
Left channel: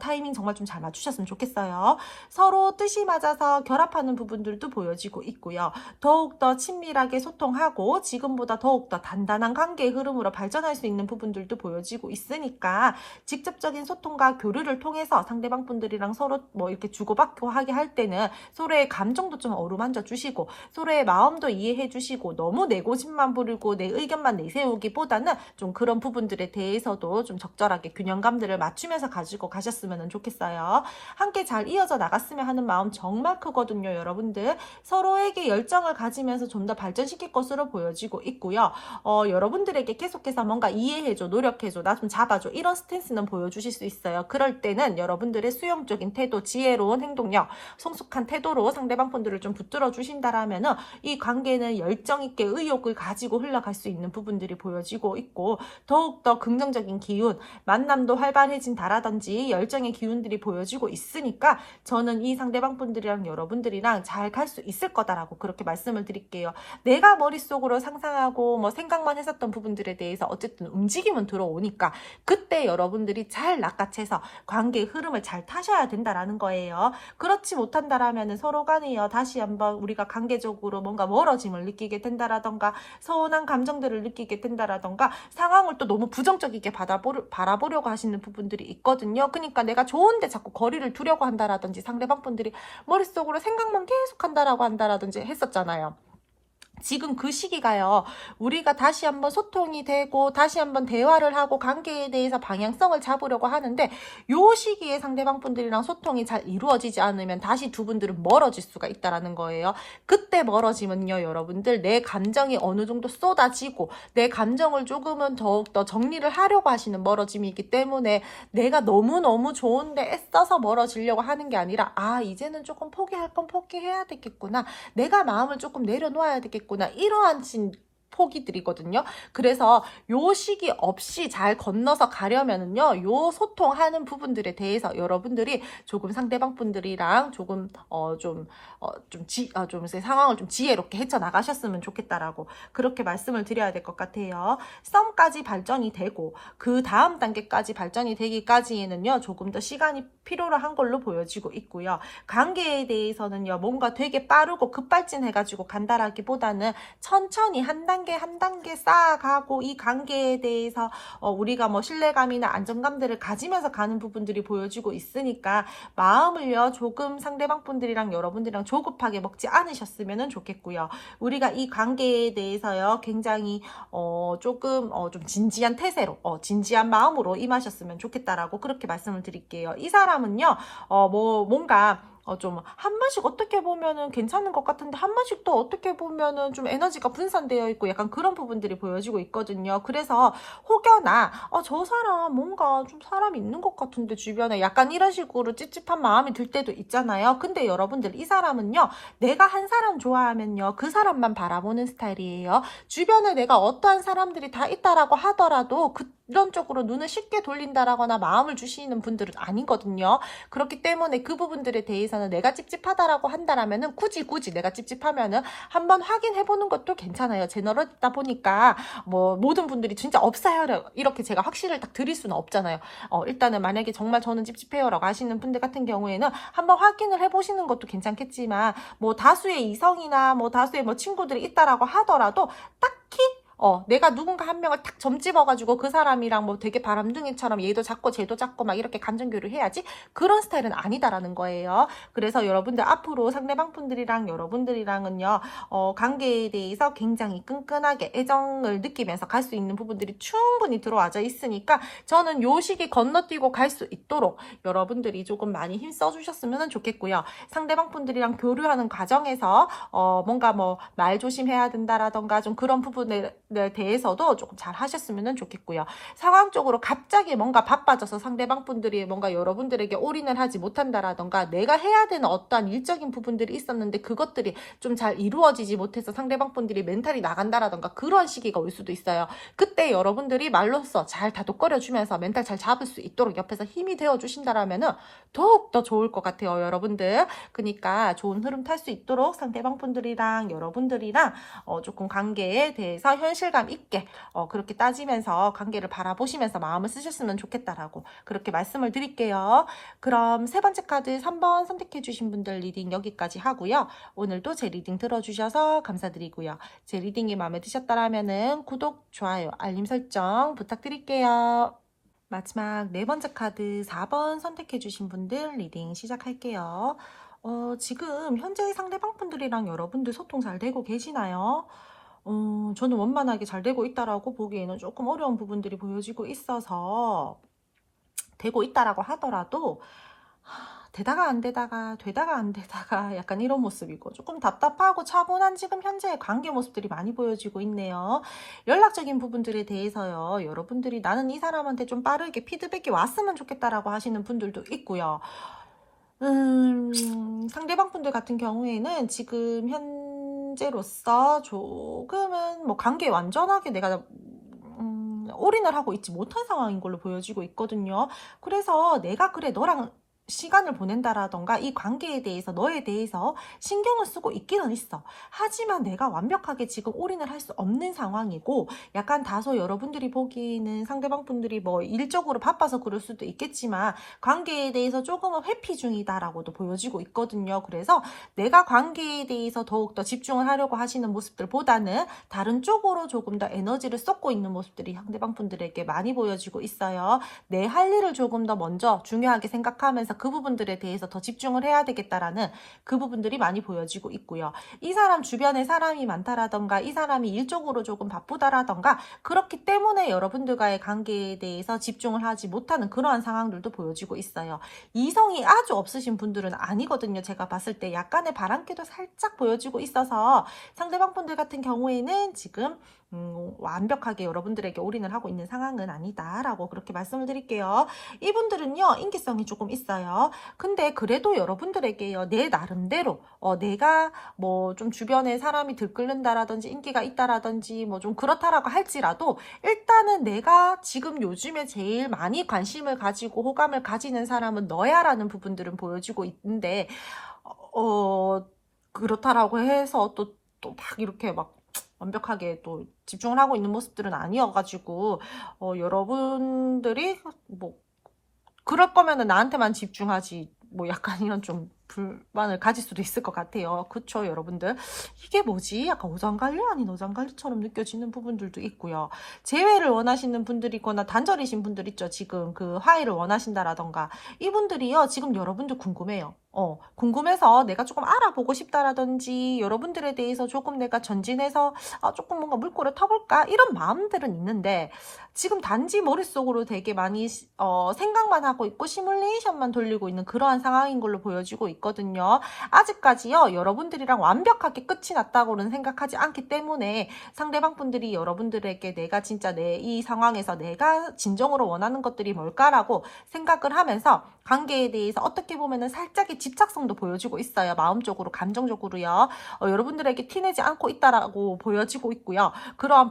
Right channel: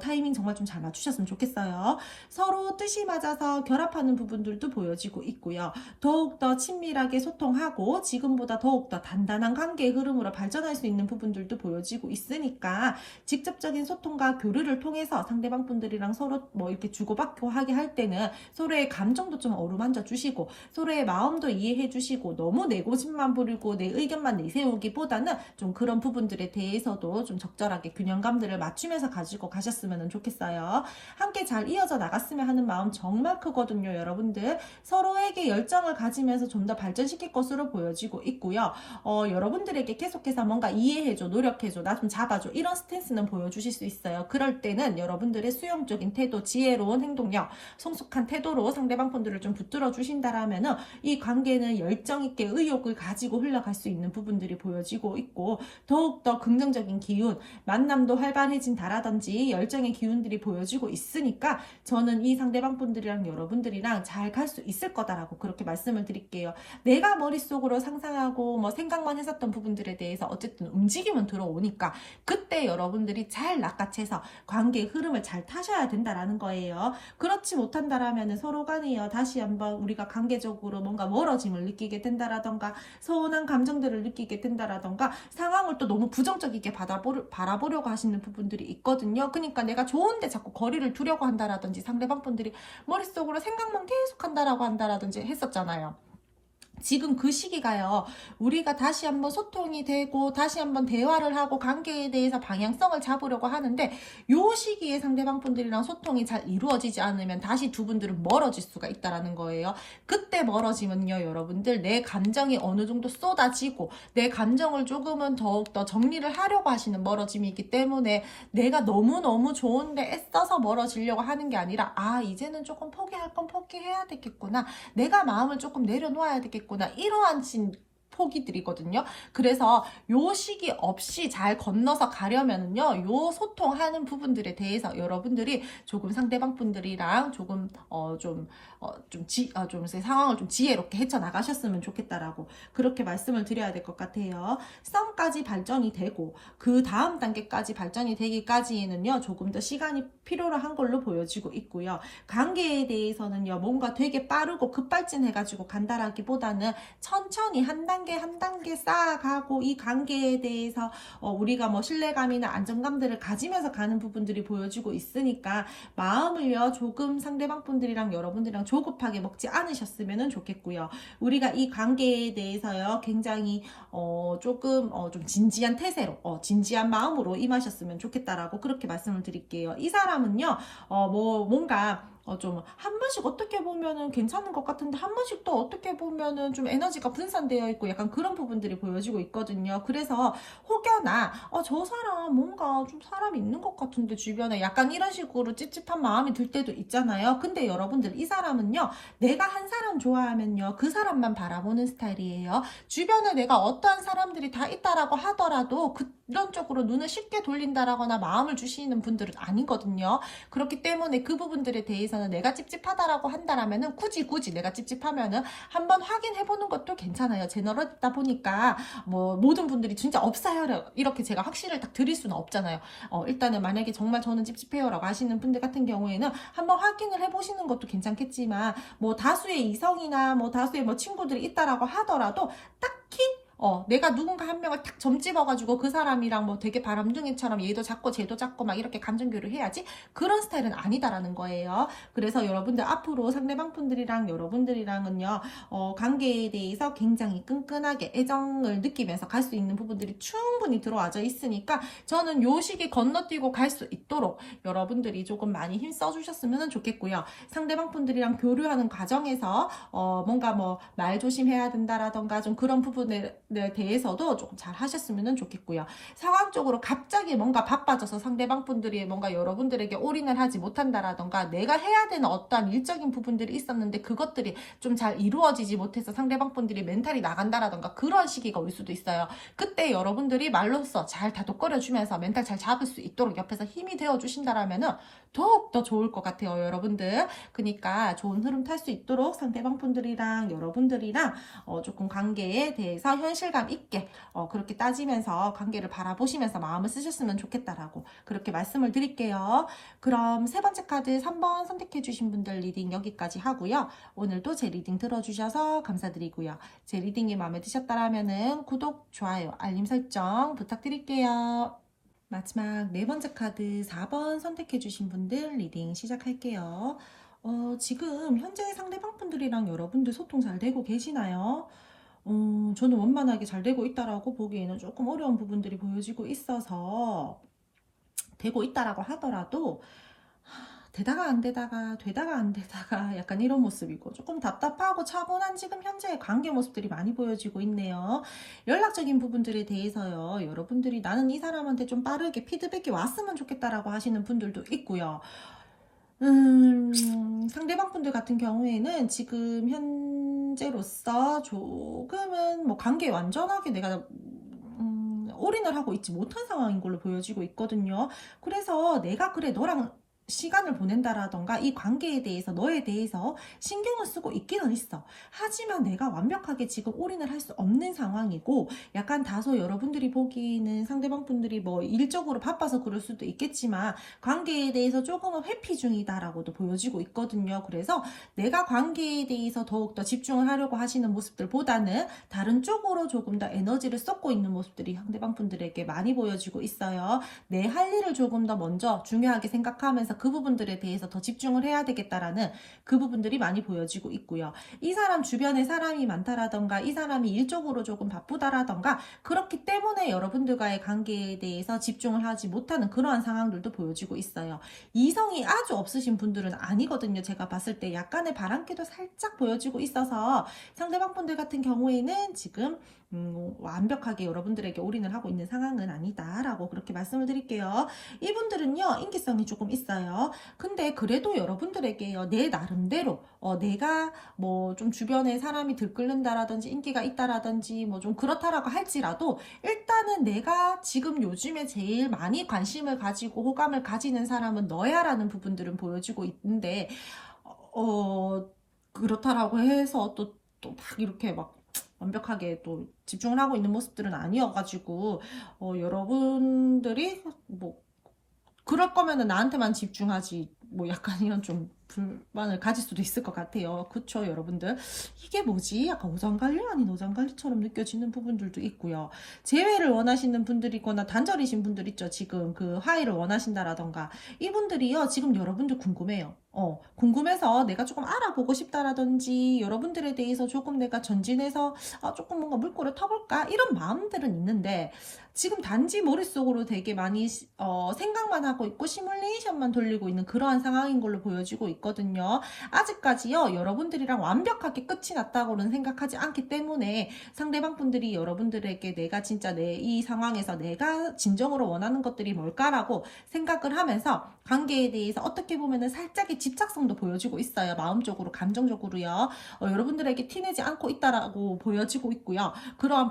타이밍 정말 좀 잘 맞추셨으면 좋겠어요. 서로 뜻이 맞아서 결합하는 부분들도 보여지고 있고요. 더욱더 친밀하게 소통하고 지금보다 더욱더 단단한 관계의 흐름으로 발전할 수 있는 부분들도 보여지고 있으니까 직접적인 소통과 교류를 통해서 상대방 분들이랑 서로 뭐 이렇게 주고받고 하게 할 때는 서로의 감정도 좀 어루만져 주시고 서로의 마음도 이해해 주시고 너무 내 고집만 부리고 내 의견만 내세우기보다는 좀 그런 부분들에 대해서도 좀 적절하게 균형감들을 맞추면서 가지고 가셨으면 좋겠어요. 함께 잘 이어져 나갔으면 하는 마음 정말 크거든요, 여러분들. 서로에게 열정을 가지면서 좀 더 발전시킬 것으로 보여지고 있고요. 여러분들에게 계속해서 뭔가 이해해줘, 노력해줘, 나 좀 잡아줘 이런 스탠스는 보여주실 수 있어요. 그럴 때는 여러분들의 수용적인 태도, 지혜로운 행동력, 성숙한 태도로 상대방 분들을 좀 붙들어 주신다라면은 이 관계는 열정 있게 의욕을 가지고 흘러갈 수 있는 부분들이 보여지고 있고 더욱더 긍정적인 기운, 만남도 활발해진다라든지 열정의 기운들이 보여지고 있으니까 저는 이 상대방 분들이랑 여러분들이랑 잘 갈 수 있을 거다라고 그렇게 말씀을 드릴게요. 내가 머릿속으로 상상하고 뭐 생각만 했었던 부분들에 대해서 어쨌든 움직임은 들어오니까 그때 여러분들이 잘 낚아채서 관계의 흐름을 잘 타셔야 된다라는 거예요. 그렇지 못한다라면 서로 간에요. 다시 한번 우리가 관계적으로 뭔가 멀어짐을 느끼게 된다라던가 서운한 감정들을 느끼게 된다라던가 상황을 또 너무 부정적이게 바라보려고 하시는 부분들이 있거든요. 그러니까 내가 좋은데 자꾸 거리를 두려고 한다라든지 상대방 분들이 머릿속으로 생각만 계속 한다라고 한다라든지 했었잖아요. 지금 그 시기가요. 우리가 다시 한번 소통이 되고 다시 한번 대화를 하고 관계에 대해서 방향성을 잡으려고 하는데 요 시기에 상대방 분들이랑 소통이 잘 이루어지지 않으면 다시 두 분들은 멀어질 수가 있다라는 거예요. 그때 멀어지면요, 여러분들 내 감정이 어느 정도 쏟아지고 내 감정을 조금은 더욱더 정리를 하려고 하시는 멀어짐이기 때문에 내가 너무너무 좋은데 애써서 멀어지려고 하는 게 아니라 이제는 조금 포기할 건 포기해야 되겠구나. 내가 마음을 조금 내려놓아야 되겠구나. 이러한 포기들이거든요. 그래서 요 시기 없이 잘 건너서 가려면은요, 요 소통하는 부분들에 대해서 여러분들이 조금 상대방 분들이랑 조금 좀 상황을 좀 지혜롭게 헤쳐나가셨으면 좋겠다라고 그렇게 말씀을 드려야 될 것 같아요. 썸까지 발전이 되고 그 다음 단계까지 발전이 되기까지는요 조금 더 시간이 필요로 한 걸로 보여지고 있고요. 관계에 대해서는요 뭔가 되게 빠르고 급발진해가지고 간다라기보다는 천천히 한 단계 한 단계 쌓아가고 이 관계에 대해서 우리가 뭐 신뢰감이나 안정감들을 가지면서 가는 부분들이 보여지고 있으니까 마음을요 조금 상대방 분들이랑 여러분들이랑 조급하게 먹지 않으셨으면 좋겠고요. 우리가 이 관계에 대해서요 굉장히 조금 좀 진지한 태세로 진지한 마음으로 임하셨으면 좋겠다라고 그렇게 말씀을 드릴게요. 이 사람은요 뭔가 좀 한 번씩 어떻게 보면은 괜찮은 것 같은데 한 번씩 또 어떻게 보면은 좀 에너지가 분산되어 있고 약간 그런 부분들이 보여지고 있거든요. 그래서 혹여나 저 사람 뭔가 좀 사람 있는 것 같은데 주변에 약간 이런 식으로 찝찝한 마음이 들 때도 있잖아요. 근데 여러분들 이 사람은요 내가 한 사람 좋아하면요 그 사람만 바라보는 스타일이에요. 주변에 내가 어떠한 사람들이 다 있다라고 하더라도 그런 쪽으로 눈을 쉽게 돌린다라거나 마음을 주시는 분들은 아니거든요. 그렇기 때문에 그 부분들에 대해서는 내가 찝찝하다라고 한다라면은 굳이 내가 찝찝하면은 한번 확인해보는 것도 괜찮아요. 제너럴다 보니까 뭐 모든 분들이 진짜 없어요 이렇게 제가 확신을 딱 드릴 수는 없잖아요. 일단은 만약에 정말 저는 찝찝해요라고 하시는 분들 같은 경우에는 한번 확인을 해보시는 것도 괜찮겠지만 뭐 다수의 이성이나 뭐 다수의 뭐 친구들이 있다라고 하더라도 딱히 내가 누군가 한 명을 탁 점집어가지고 그 사람이랑 뭐 되게 바람둥이처럼 얘도 잡고 쟤도 잡고 막 이렇게 감정교류를 해야지 그런 스타일은 아니다라는 거예요. 그래서 여러분들 앞으로 상대방 분들이랑 여러분들이랑은요 관계에 대해서 굉장히 끈끈하게 애정을 느끼면서 갈 수 있는 부분들이 충분히 들어와져 있으니까 저는 요 시기 건너뛰고 갈 수 있도록 여러분들이 조금 많이 힘 써주셨으면 좋겠고요. 상대방 분들이랑 교류하는 과정에서 뭔가 뭐 말 조심해야 된다라던가 좀 그런 부분에 대해서도 조금 잘 하셨으면 좋겠고요. 상황적으로 갑자기 뭔가 바빠져서 상대방 분들이 뭔가 여러분들에게 올인을 하지 못한다라던가 내가 해야 되는 어떠한 일적인 부분들이 있었는데 그것들이 좀 잘 이루어지지 못해서 상대방 분들이 멘탈이 나간다라던가 그런 시기가 올 수도 있어요. 그때 여러분들이 말로써 잘 다독거려주면서 멘탈 잘 잡을 수 있도록 옆에서 힘이 되어 주신다라면은 더욱더 좋을 것 같아요, 여러분들. 그러니까 좋은 흐름 탈 수 있도록 상대방 분들이랑 여러분들이랑 조금 관계에 대해서 현실감 있게 그렇게 따지면서 관계를 바라보시면서 마음을 쓰셨으면 좋겠다라고 그렇게 말씀을 드릴게요. 그럼 세 번째 카드 3번 선택해 주신 분들 리딩 여기까지 하고요. 오늘도 제 리딩 들어주셔서 감사드리고요. 제 리딩이 마음에 드셨다라면은 구독, 좋아요, 알림 설정 부탁드릴게요. 마지막 네 번째 카드 4번 선택해 주신 분들 리딩 시작할게요. 지금 현재 상대방 분들이랑 여러분들 소통 잘 되고 계시나요? 저는 원만하게 잘 되고 있다라고 보기에는 조금 어려운 부분들이 보여지고 있어서 되고 있다라고 하더라도 되다가 안 되다가 되다가 안 되다가 약간 이런 모습이고 조금 답답하고 차분한 지금 현재의 관계 모습들이 많이 보여지고 있네요. 연락적인 부분들에 대해서요. 여러분들이 나는 이 사람한테 좀 빠르게 피드백이 왔으면 좋겠다라고 하시는 분들도 있고요. 상대방 분들 같은 경우에는 지금 현재로서 조금은 뭐 관계에 완전하게 내가 올인을 하고 있지 못한 상황인 걸로 보여지고 있거든요. 그래서 내가 그래 너랑 시간을 보낸다라던가 이 관계에 대해서 너에 대해서 신경을 쓰고 있기는 있어. 하지만 내가 완벽하게 지금 올인을 할 수 없는 상황이고 약간 다소 여러분들이 보기에는 상대방 분들이 뭐 일적으로 바빠서 그럴 수도 있겠지만 관계에 대해서 조금은 회피 중이다라고도 보여지고 있거든요. 그래서 내가 관계에 대해서 더욱더 집중을 하려고 하시는 모습들보다는 다른 쪽으로 조금 더 에너지를 쏟고 있는 모습들이 상대방 분들에게 많이 보여지고 있어요. 내 할 일을 조금 더 먼저 중요하게 생각하면서 그 부분들에 대해서 더 집중을 해야 되겠다라는 그 부분들이 많이 보여지고 있고요. 이 사람 주변에 사람이 많다라던가 이 사람이 일적으로 조금 바쁘다라던가 그렇기 때문에 여러분들과의 관계에 대해서 집중을 하지 못하는 그러한 상황들도 보여지고 있어요. 이성이 아주 없으신 분들은 아니거든요. 제가 봤을 때 약간의 바람기도 살짝 보여지고 있어서 상대방 분들 같은 경우에는 지금 완벽하게 여러분들에게 올인을 하고 있는 상황은 아니다라고 그렇게 말씀을 드릴게요. 이분들은요 인기성이 조금 있어요. 근데 그래도 여러분들에게요 내 나름대로 내가 뭐 좀 주변에 사람이 들끓는다라든지 인기가 있다라든지 뭐 좀 그렇다라고 할지라도 일단은 내가 지금 요즘에 제일 많이 관심을 가지고 호감을 가지는 사람은 너야라는 부분들은 보여지고 있는데 그렇다라고 해서 또 막 이렇게 막 완벽하게 또 집중을 하고 있는 모습들은 아니어가지고 여러분들이 뭐 그럴 거면은 나한테만 집중하지 뭐 약간 이런 좀 불만을 가질 수도 있을 것 같아요. 그쵸 여러분들? 이게 뭐지? 약간 오장관리 아닌 오장관리처럼 느껴지는 부분들도 있고요. 재회를 원하시는 분들이거나 단절이신 분들 있죠. 지금 그 화해를 원하신다라던가 이분들이요 지금 여러분들 궁금해요. 궁금해서 내가 조금 알아보고 싶다라든지 여러분들에 대해서 조금 내가 전진해서 조금 뭔가 물꼬를 터볼까 이런 마음들은 있는데 지금 단지 머릿속으로 되게 많이 생각만 하고 있고 시뮬레이션만 돌리고 있는 그러한 상황인 걸로 보여지고 있거든요. 아직까지요 여러분들이랑 완벽하게 끝이 났다고는 생각하지 않기 때문에 상대방 분들이 여러분들에게 내가 진짜 이 상황에서 내가 진정으로 원하는 것들이 뭘까라고 생각을 하면서 관계에 대해서 어떻게 보면은 살짝의 집착성도 보여지고 있어요. 마음적으로 감정적으로요. 여러분들에게 티내지 않고 있다라고 보여지고 있고요. 그러한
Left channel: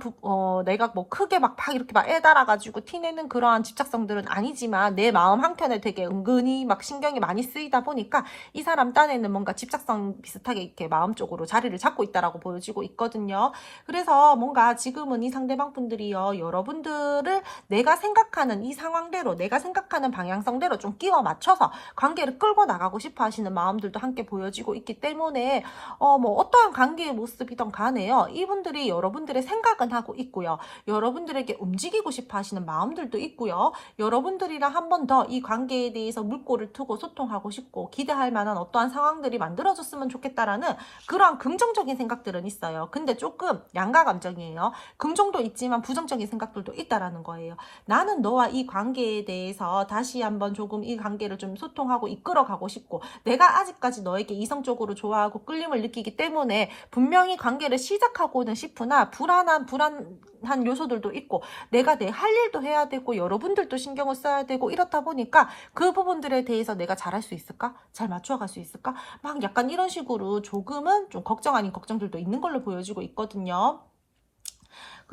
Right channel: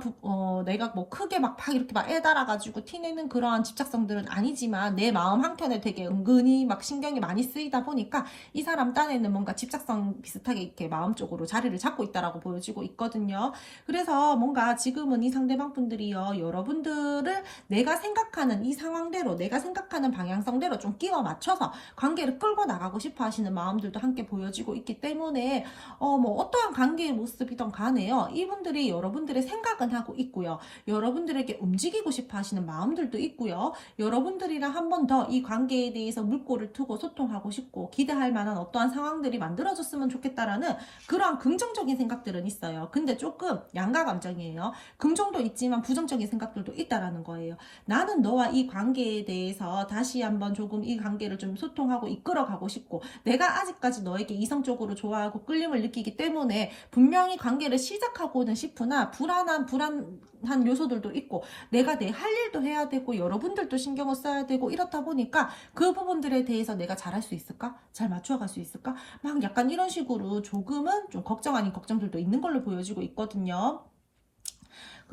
내가 뭐 크게 막 이렇게 막 애달아가지고 티내는 그러한 집착성들은 아니지만 내 마음 한켠에 되게 은근히 막 신경이 많이 쓰이다 보니까 이 사람 딴에는 뭔가 집착성 비슷하게 이렇게 마음적으로 자리를 잡고 있다라고 보여지고 있거든요. 그래서 뭔가 지금은 이 상대방 분들이요 여러분들을 내가 생각하는 이 상황대로 내가 생각하는 방향성대로 좀 끼워 맞춰서 관계를 끌고 나가고 싶어 하시는 마음들도 함께 보여지고 있기 때문에 뭐 어떠한 관계의 모습이든 간에요 이분들이 여러분들의 생각은 하고 있고요. 여러분들에게 움직이고 싶어 하시는 마음들도 있고요. 여러분들이랑 한 번 더 이 관계에 대해서 물꼬를 트고 소통하고 싶고 기대할 만한 어떠한 상황들이 만들어졌으면 좋겠다라는 그러한 긍정적인 생각들은 있어요. 근데 조금 양가 감정이에요. 긍정도 있지만 부정적인 생각들도 있다라는 거예요. 나는 너와 이 관계에 대해서 다시 한번 조금 이 관계를 좀 소통하고 이끌어가고 싶고 내가 아직까지 너에게 이성적으로 좋아하고 끌림을 느끼기 때문에 분명히 관계를 시작하고는 싶으나 불안한 요소들도 있고 내가 내 할 일도 해야 되고 여러분들도 신경을 써야 되고 이렇다 보니까 그 부분들에 대해서 내가 잘할 수 있을까? 잘 맞춰갈 수 있을까? 막 약간 이런 식으로 조금은 좀 걱정 아닌 걱정들도 있는 걸로 보여지고 있거든요.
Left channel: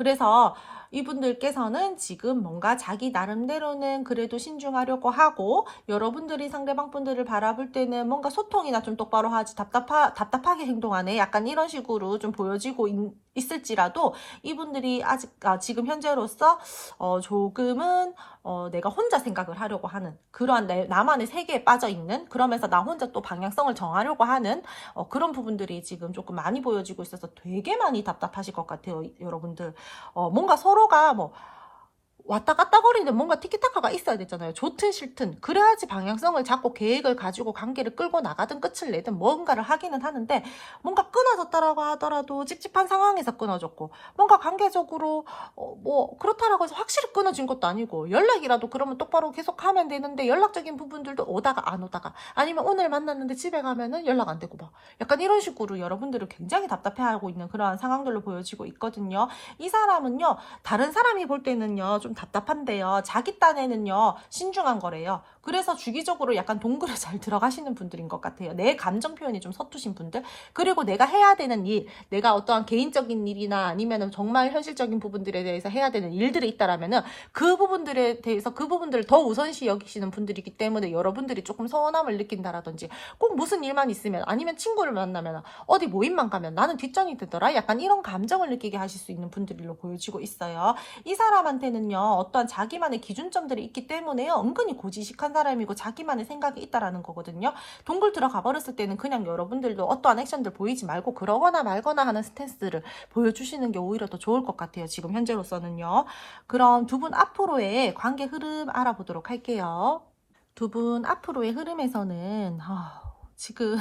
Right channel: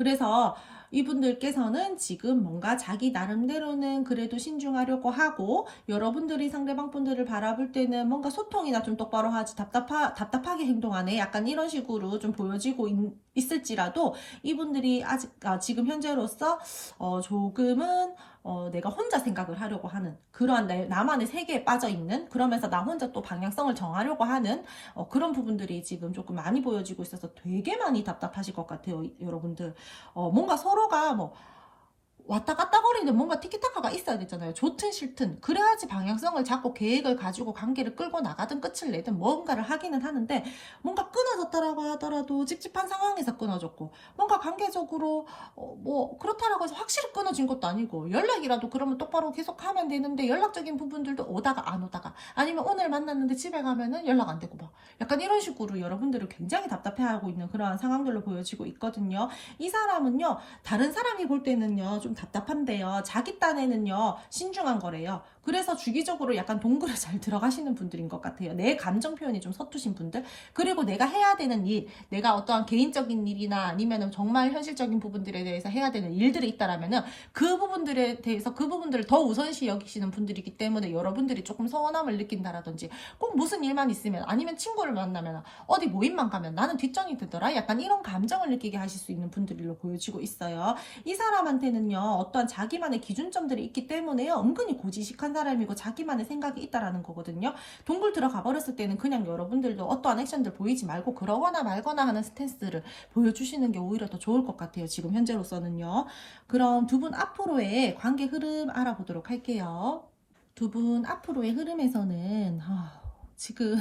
그래서 이분들께서는 지금 뭔가 자기 나름대로는 그래도 신중하려고 하고, 여러분들이 상대방 분들을 바라볼 때는 뭔가 소통이나 좀 똑바로 하지, 답답하게 행동하네, 약간 이런 식으로 좀 보여지고 있을지라도, 이분들이 지금 현재로서 조금은 내가 혼자 생각을 하려고 하는 그러한 나만의 세계에 빠져 있는, 그러면서 나 혼자 또 방향성을 정하려고 하는 그런 부분들이 지금 조금 많이 보여지고 있어서 되게 많이 답답하실 것 같아요, 여러분들. 뭔가 서로가 뭐 왔다 갔다 거리는데 뭔가 티키타카가 있어야 되잖아요. 좋든 싫든. 그래야지 방향성을 잡고 계획을 가지고 관계를 끌고 나가든 끝을 내든 뭔가를 하기는 하는데, 뭔가 끊어졌다라고 하더라도 찝찝한 상황에서 끊어졌고, 뭔가 관계적으로 뭐 그렇다라고 해서 확실히 끊어진 것도 아니고, 연락이라도 그러면 똑바로 계속 하면 되는데 연락적인 부분들도 오다가 안 오다가, 아니면 오늘 만났는데 집에 가면은 연락 안 되고 막 약간 이런 식으로 여러분들을 굉장히 답답해하고 있는 그러한 상황들로 보여지고 있거든요. 이 사람은요, 다른 사람이 볼 때는요 좀 답답한데요, 자기 딴에는요 신중한 거래요. 그래서 주기적으로 약간 동굴에 잘 들어가시는 분들인 것 같아요. 내 감정 표현이 좀 서투신 분들, 그리고 내가 해야 되는 일, 내가 어떠한 개인적인 일이나 아니면은 정말 현실적인 부분들에 대해서 해야 되는 일들이 있다라면은 그 부분들에 대해서 그 부분들을 더 우선시 여기시는 분들이기 때문에, 여러분들이 조금 서운함을 느낀다라든지, 꼭 무슨 일만 있으면, 아니면 친구를 만나면, 어디 모임만 가면 나는 뒷전이 되더라, 약간 이런 감정을 느끼게 하실 수 있는 분들로 보여지고 있어요. 이 사람한테는요 어떠한 자기만의 기준점들이 있기 때문에요, 은근히 고지식한 사람이고 자기만의 생각이 있다라는 거거든요. 동굴 들어가 버렸을 때는 그냥 여러분들도 어떠한 액션들 보이지 말고 그러거나 말거나 하는 스탠스를 보여주시는 게 오히려 더 좋을 것 같아요, 지금 현재로서는요. 그럼 두 분 앞으로의 관계 흐름 알아보도록 할게요. 두 분 앞으로의 흐름에서는 지금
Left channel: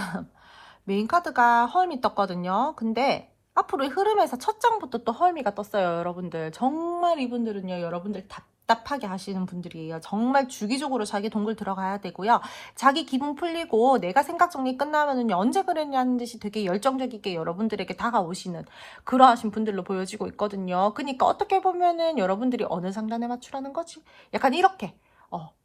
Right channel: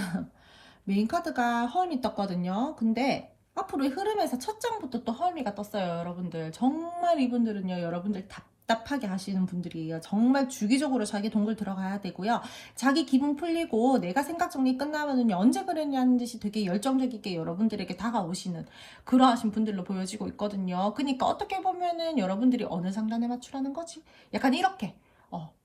메인 카드가 헐미 떴거든요. 근데 앞으로의 흐름에서 첫 장부터 또 헐미가 떴어요, 여러분들. 정말 이분들은요, 여러분들 답답하게 하시는 분들이에요. 정말 주기적으로 자기 동굴 들어가야 되고요. 자기 기분 풀리고 내가 생각 정리 끝나면은 언제 그랬냐는 듯이 되게 열정적이게 여러분들에게 다가오시는 그러하신 분들로 보여지고 있거든요. 그러니까 어떻게 보면은 여러분들이 어느 상단에 맞추라는 거지? 약간 이렇게.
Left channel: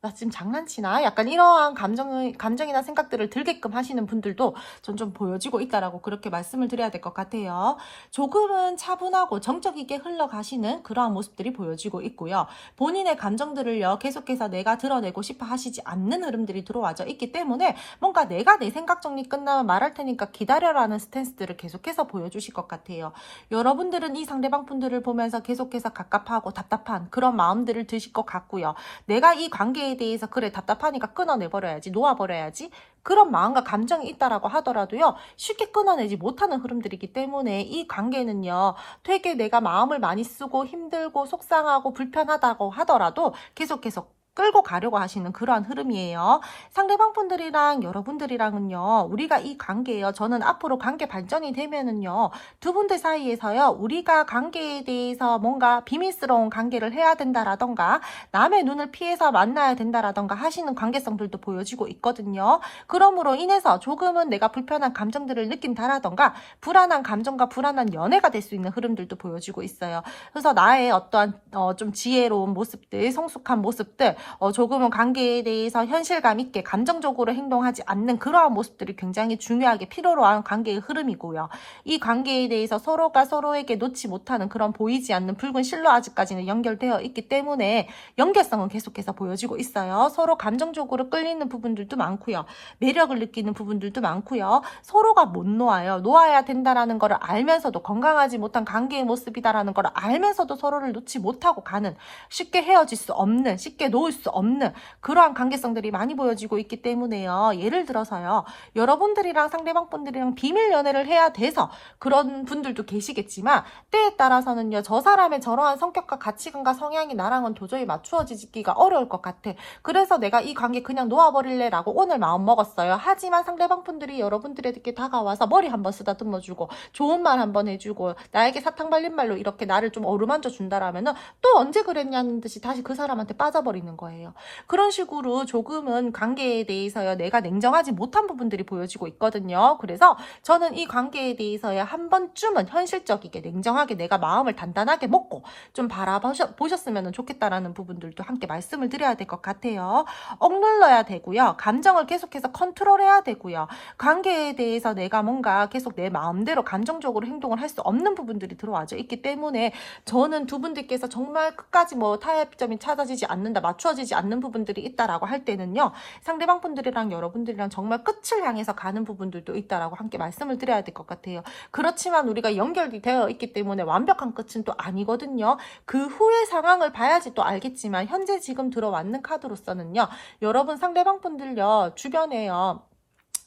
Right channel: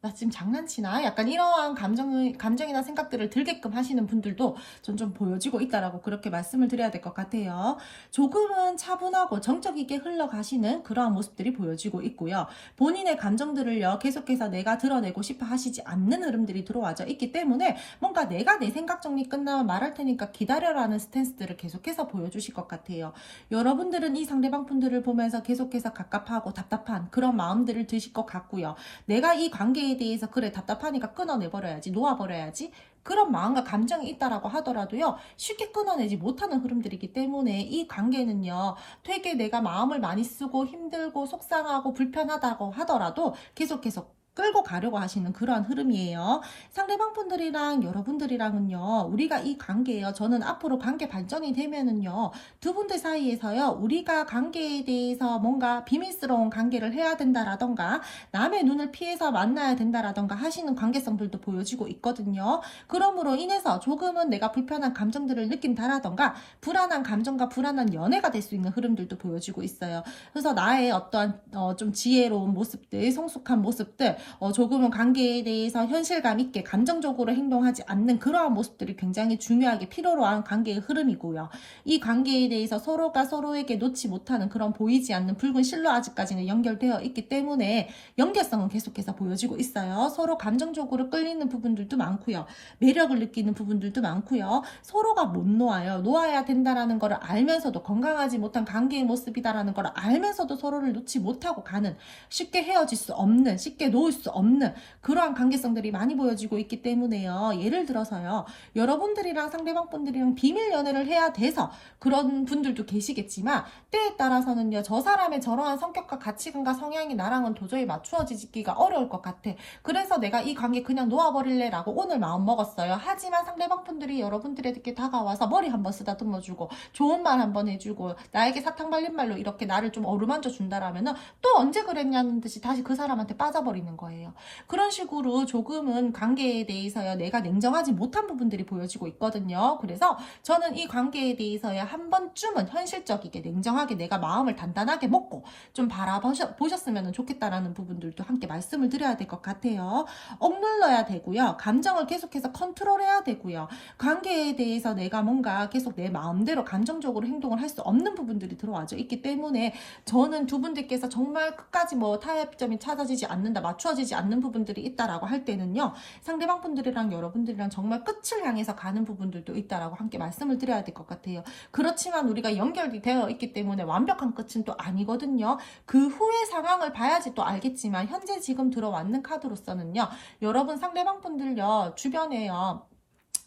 나 지금 장난치나? 약간 이러한 감정이나 생각들을 들게끔 하시는 분들도 좀 보여지고 있다라고 그렇게 말씀을 드려야 될 것 같아요. 조금은 차분하고 정적 있게 흘러가시는 그러한 모습들이 보여지고 있고요. 본인의 감정들을요, 계속해서 내가 드러내고 싶어 하시지 않는 흐름들이 들어와져 있기 때문에, 뭔가 내가 내 생각 정리 끝나면 말할 테니까 기다려라는 스탠스들을 계속해서 보여주실 것 같아요. 여러분들은 이 상대방 분들을 보면서 계속해서 갑갑하고 답답한 그런 마음들을 드실 것 같고요. 내가 이 관계에 대해서 그래 답답하니까 끊어내버려야지, 놓아버려야지, 그런 마음과 감정이 있다라고 하더라도요, 쉽게 끊어내지 못하는 흐름들이기 때문에 이 관계는요 되게 내가 마음을 많이 쓰고 힘들고 속상하고 불편하다고 하더라도 계속 끌고 가려고 하시는 그러한 흐름이에요. 상대방 분들이랑 여러분들이랑은요, 우리가 이 관계예요. 저는 앞으로 관계 발전이 되면은요, 두 분들 사이에서요, 우리가 관계에 대해서 뭔가 비밀스러운 관계를 해야 된다라던가, 남의 눈을 피해서 만나야 된다라던가 하시는 관계성들도 보여지고 있거든요. 그러므로 인해서 조금은 내가 불편한 감정들을 느낀다라던가, 불안한 감정과 불안한 연애가 될 수 있는 흐름들도 보여지고 있어요. 그래서 나의 어떠한 좀 지혜로운 모습들, 성숙한 모습들, 조금은 관계에 대해서 현실감 있게 감정적으로 행동하지 않는 그러한 모습들이 굉장히 중요하게 필요로 한 관계의 흐름이고요. 이 관계에 대해서 서로가 서로에게 놓지 못하는 그런 보이지 않는 붉은 실로 아직까지는 연결되어 있기 때문에 연결성은 계속해서 보여지고 있어요. 서로 감정적으로 끌리는 부분들도 많고요. 매력을 느끼는 부분들도 많고요. 서로가 못 놓아요. 놓아야 된다라는 걸 알면서도, 건강하지 못한 관계의 모습이다라는 걸 알면서도 서로를 놓지 못하고 가는, 쉽게 헤어질 수 없는, 쉽게 놓을 수 없는 그러한 관계성들이 많이 보여지고 있기 때문에요. 예를 들어서요, 여러분들이랑 상대방 분들이랑 비밀 연애를 해야 돼서 그런 분들도 계시겠지만, 때에 따라서는요, 저 사람의 저러한 성격과 가치관과 성향이 나랑은 도저히 맞추어지기가 어려울 것 같아, 그래서 내가 이 관계 그냥 놓아버릴래 라고 오늘 마음 먹었어요. 하지만 상대방 분들이 여러분들에게 다가와서 머리 한번 쓰다듬어주고 좋은 말 한번 해주고 나에게 사탕 발린 말로 이렇게 나를 좀 어루만져 준다라면은, 또 언제 그랬냐는 듯이 다시 그 사람한테 빠져버리는 거예요. 거예요. 그런 식으로 조금은 관계에 대해서요, 내가 냉정하지 못한 부분들이 보여지고 있거든요. 그래서 저는 이 관계에 대해서야 한 번쯤은 현실적이게 냉정하게 내가 마음을 단단하게 먹고 좀 바라보셨으면 좋겠다라는 부분들도 함께 말씀을 드려야 될 것 같아요. 억눌러야 되고요. 감정을 계속해서 컨트롤해야 되고요. 관계에 대해서 내가 뭔가 계속 내 마음대로 감정적으로 행동을 할 수 없는 부분들이 들어와져 있기 때문에 저는 두 분들께서 정말 끝까지 뭐 타협점이 찾아지지 않는다, 맞추어지지 않는 부분들이 있다라고 할 때는요, 상대방 분들이랑 여러분들이랑 정말 끝을 향해서 가는 부분들도 있다라고 함께 말씀을 드려야 될 것 같아요. 그렇지만 우리가 연결이 되어 있기 때문에 완벽한 끝은 또 아니거든요. 그 후의 상황을 봐야지 또 알겠지만 현재 지금 들어왔는 카드로서는요, 여러분 상대방 분들요, 주변에요,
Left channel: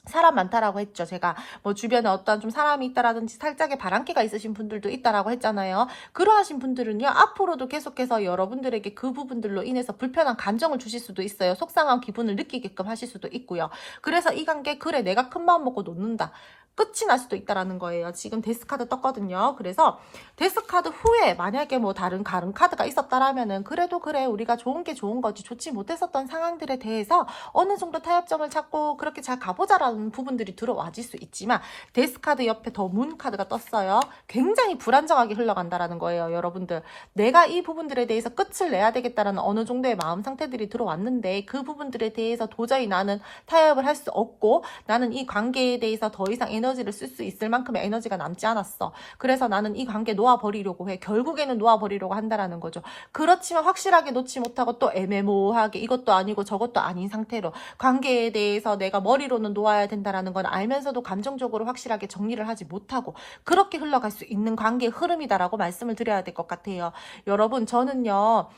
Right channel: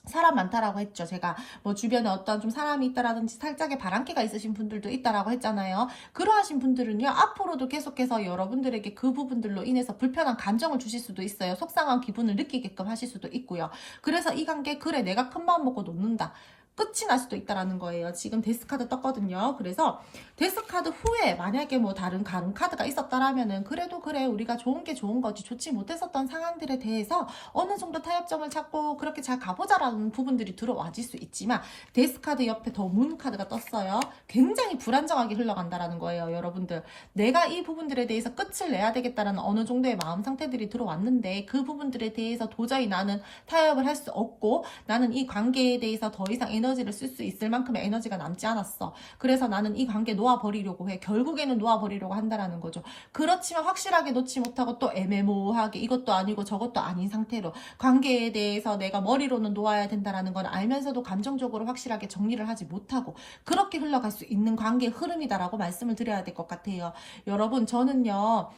사람 많다라고 했죠. 제가 뭐 주변에 어떤 좀 사람이 있다라든지 살짝의 바람기가 있으신 분들도 있다라고 했잖아요. 그러하신 분들은요, 앞으로도 계속해서 여러분들에게 그 부분들로 인해서 불편한 감정을 주실 수도 있어요. 속상한 기분을 느끼게끔 하실 수도 있고요. 그래서 이 관계, 그래 내가 큰 마음 먹고 놓는다, 끝이 날 수도 있다라는 거예요. 지금 데스카드 떴거든요. 그래서 데스카드 후에 만약에 뭐 다른 카드가 있었다라면은 그래도 그래, 우리가 좋은 게 좋은 거지, 좋지 못했었던 상황들에 대해서 어느 정도 타협점을 찾고 그렇게 잘 가보자라는 부분들이 들어와질 수 있지만, 데스카드 옆에 더 문 카드가 떴어요. 굉장히 불안정하게 흘러간다라는 거예요. 여러분들, 내가 이 부분들에 대해서 끝을 내야 되겠다라는 어느 정도의 마음 상태들이 들어왔는데, 그 부분들에 대해서 도저히 나는 타협을 할 수 없고, 나는 이 관계에 대해서 더 이상 에너지를 쓸 수 있을 만큼의 에너지가 남지 않았어. 그래서 나는 이 관계 놓아버리려고 해. 결국에는 놓아버리려고 한다라는 거죠. 그렇지만 확실하게 놓지 못하고 또 애매모호하게 이것도 아니고 저것도 아닌 상태로 관계에 대해서 내가 머리로는 놓아야 된다라는 건 알면서도 감정적으로 확실하게 정리를 하지 못하고 그렇게 흘러갈 수 있는 관계의 흐름이다라고 말씀을 드려야 될 것 같아요. 여러분, 저는요,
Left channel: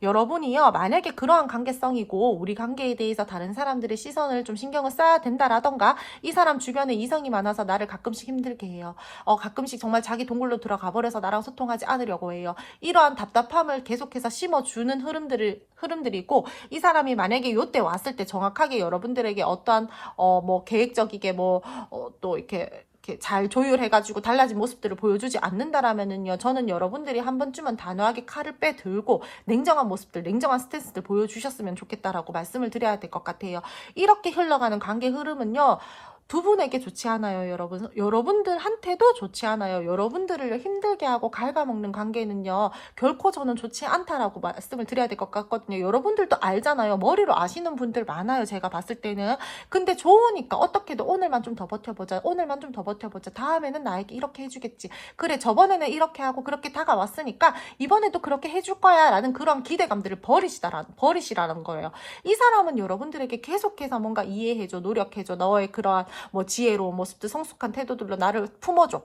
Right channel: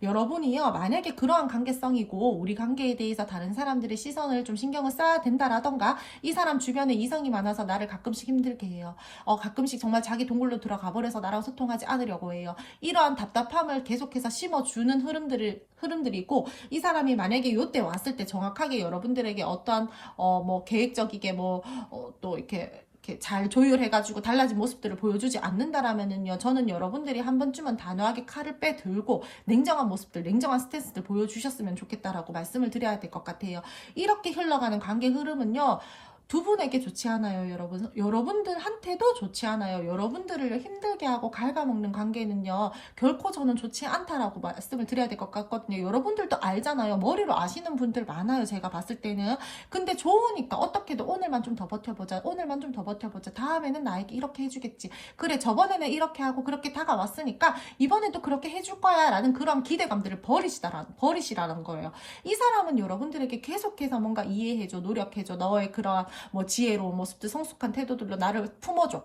여러분이요, 만약에 그러한 관계성이고 우리 관계에 대해서 다른 사람들의 시선을 좀 신경을 써야 된다라던가, 이 사람 주변에 이성이 많아서 나를 가끔씩 힘들게 해요. 가끔씩 정말 자기 동굴로 들어가 버려서 나랑 소통하지 않으려고 해요. 이러한 답답함을 계속해서 심어주는 흐름들이고, 이 사람이 만약에 요때 왔을 때 정확하게 여러분들에게 어떠한 뭐 계획적이게 또 이렇게 잘 조율해가지고 달라진 모습들을 보여주지 않는다라면은요, 저는 여러분들이 한 번쯤은 단호하게 칼을 빼들고 냉정한 모습들, 냉정한 스탠스들 보여주셨으면 좋겠다라고 말씀을 드려야 될 것 같아요. 이렇게 흘러가는 관계 흐름은요, 두 분에게 좋지 않아요, 여러분. 여러분들한테도 좋지 않아요. 여러분들을 힘들게 하고 갉아먹는 관계는요, 결코 저는 좋지 않다라고 말씀을 드려야 될 것 같거든요. 여러분들도 알잖아요. 머리로 아시는 분들 많아요, 제가 봤을 때는. 근데 좋으니까 어떻게든 오늘만 좀 더 버텨보자, 오늘만 좀 더 버텨보자, 다음에는 나에게 이렇게 해주겠지, 그래 저번에는 이렇게 하고 그렇게 다가왔으니까 이번에도 그렇게 해줄 거야 라는 그런 기대감들을 버리시라는 거예요. 이 사람은 여러분들에게 계속해서 뭔가 이해해줘, 노력해줘, 너의 그러한 뭐 지혜로운 모습들, 성숙한 태도들로 나를 품어줘.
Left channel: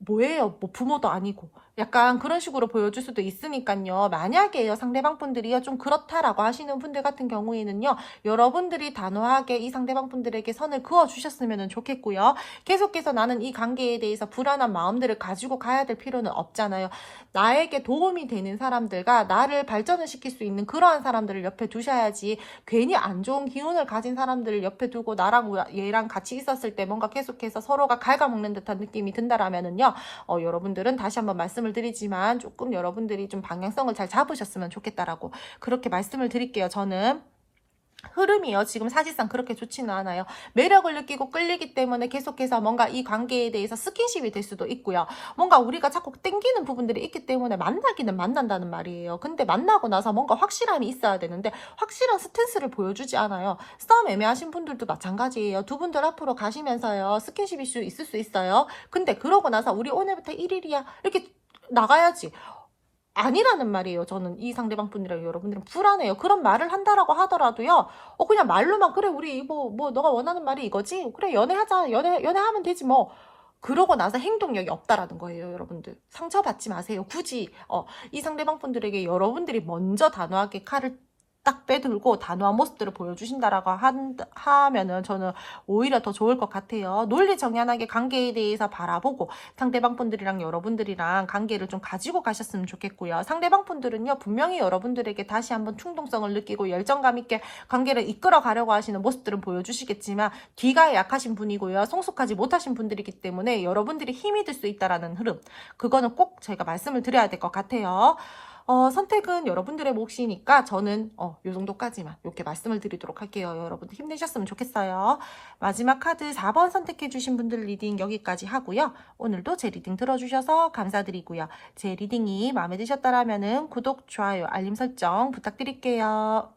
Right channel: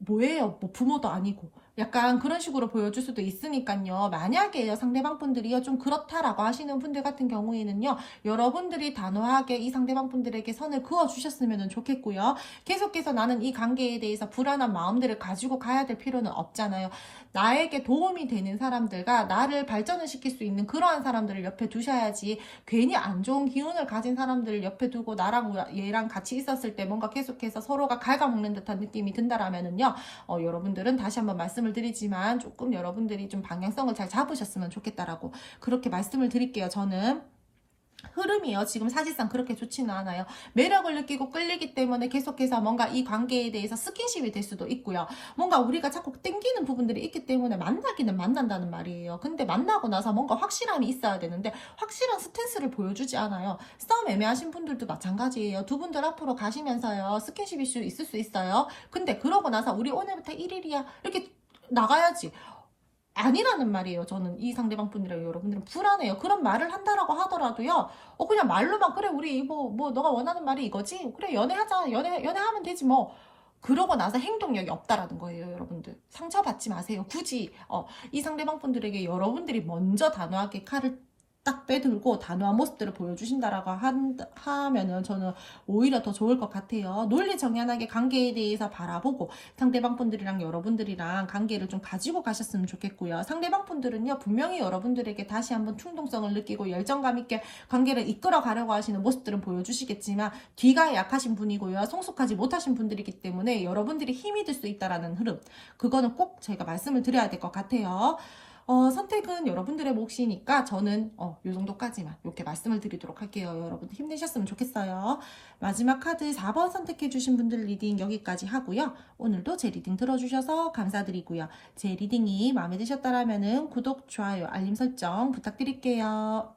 뭐예요? 뭐 부모도 아니고. 약간 그런 식으로 보여줄 수도 있으니까요. 만약에요, 상대방 분들이요, 좀 그렇다라고 하시는 분들 같은 경우에는요, 여러분들이 단호하게 이 상대방 분들에게 선을 그어주셨으면 좋겠고요. 계속해서 나는 이 관계에 대해서 불안한 마음들을 가지고 가야 될 필요는 없잖아요. 나에게 도움이 되는 사람들과 나를 발전을 시킬 수 있는 그러한 사람들을 옆에 두셔야지, 괜히 안 좋은 기운을 가진 사람들을 옆에 두고 나랑 얘랑 같이 있었을 때 뭔가 계속해서 서로가 갉아먹는 듯한 느낌이 든다라면은요, 여러분들은 다시 한번 말씀을 드리지만 조금 여러분들이 좀 방향성을 잘 잡으셨으면 좋겠다라고 그렇게 말씀을 드릴게요. 저는 흐름이요, 지금 사실상 그렇게 좋지는 않아요. 매력을 느끼고 끌리기 때문에 계속해서 뭔가 이 관계에 대해서 스킨십이 될 수도 있고요. 뭔가 우리가 자꾸 땡기는 부분들이 있기 때문에 만나기는 만난다는 말이에요. 근데 만나고 나서 뭔가 확실함이 있어야 되는데 확실한 스탠스를 보여주지 않아요. 싸움 애매하신 분들도 마찬가지예요. 두 분들 앞으로 가시면서요, 스킨십 이슈 있을 수 있어요. 근데 그러고 나서 우리 오늘부터 1일이야 이렇게 나가야지, 아니라는 말이에요. 저는 이 상대방 분이랑 여러분들은 불안해요. 그런 말을 한다라고 하더라도요, 그냥 말로만, 그래 우리 뭐 너가 원하는 말이 이거지, 그래 연애하자, 연애하면 되지 뭐, 그러고 나서 행동력이 없다라는 거예요. 여러분들 상처받지 마세요. 굳이 이 상대방 분들에게 여러분들이 먼저 단호하게 칼을 딱 빼들고 단호한 모습들을 보여주신다라고 하면은 저는 오히려 더 좋을 것 같아요. 논리정연하게 관계에 대해서 바라보고 상대방 분들이랑 여러분들이랑 관계를 좀 가지고 가셨으면 좋겠고요. 상대방 분들은요, 분명히 여러분들에게 다시 한번 충동성을 느끼고 열정감 있게 관계를 이끌어 가려고 하시는 모습들은 보여주시겠지만 기가 약하신 분이고요, 성숙하지 못하신 분들이기 때문에 여러분들이 힘이 들 수 있다라는 흐름, 그거는 꼭 제가 말씀을 드려야 될 것 같아요. 선택은 여러분들의 몫이니까 저는 요 정도까지만 이렇게 말씀을 드리도록 할게요. 여러분들 힘내셨으면 좋겠어요. 마지막 카드 4번 선택해 주신 분들 리딩 여기까지 하고요. 오늘도 제 리딩 들어주셔서 감사드리고요. 제 리딩이 마음에 드셨다라면은 구독, 좋아요, 알림 설정 부탁드릴게요.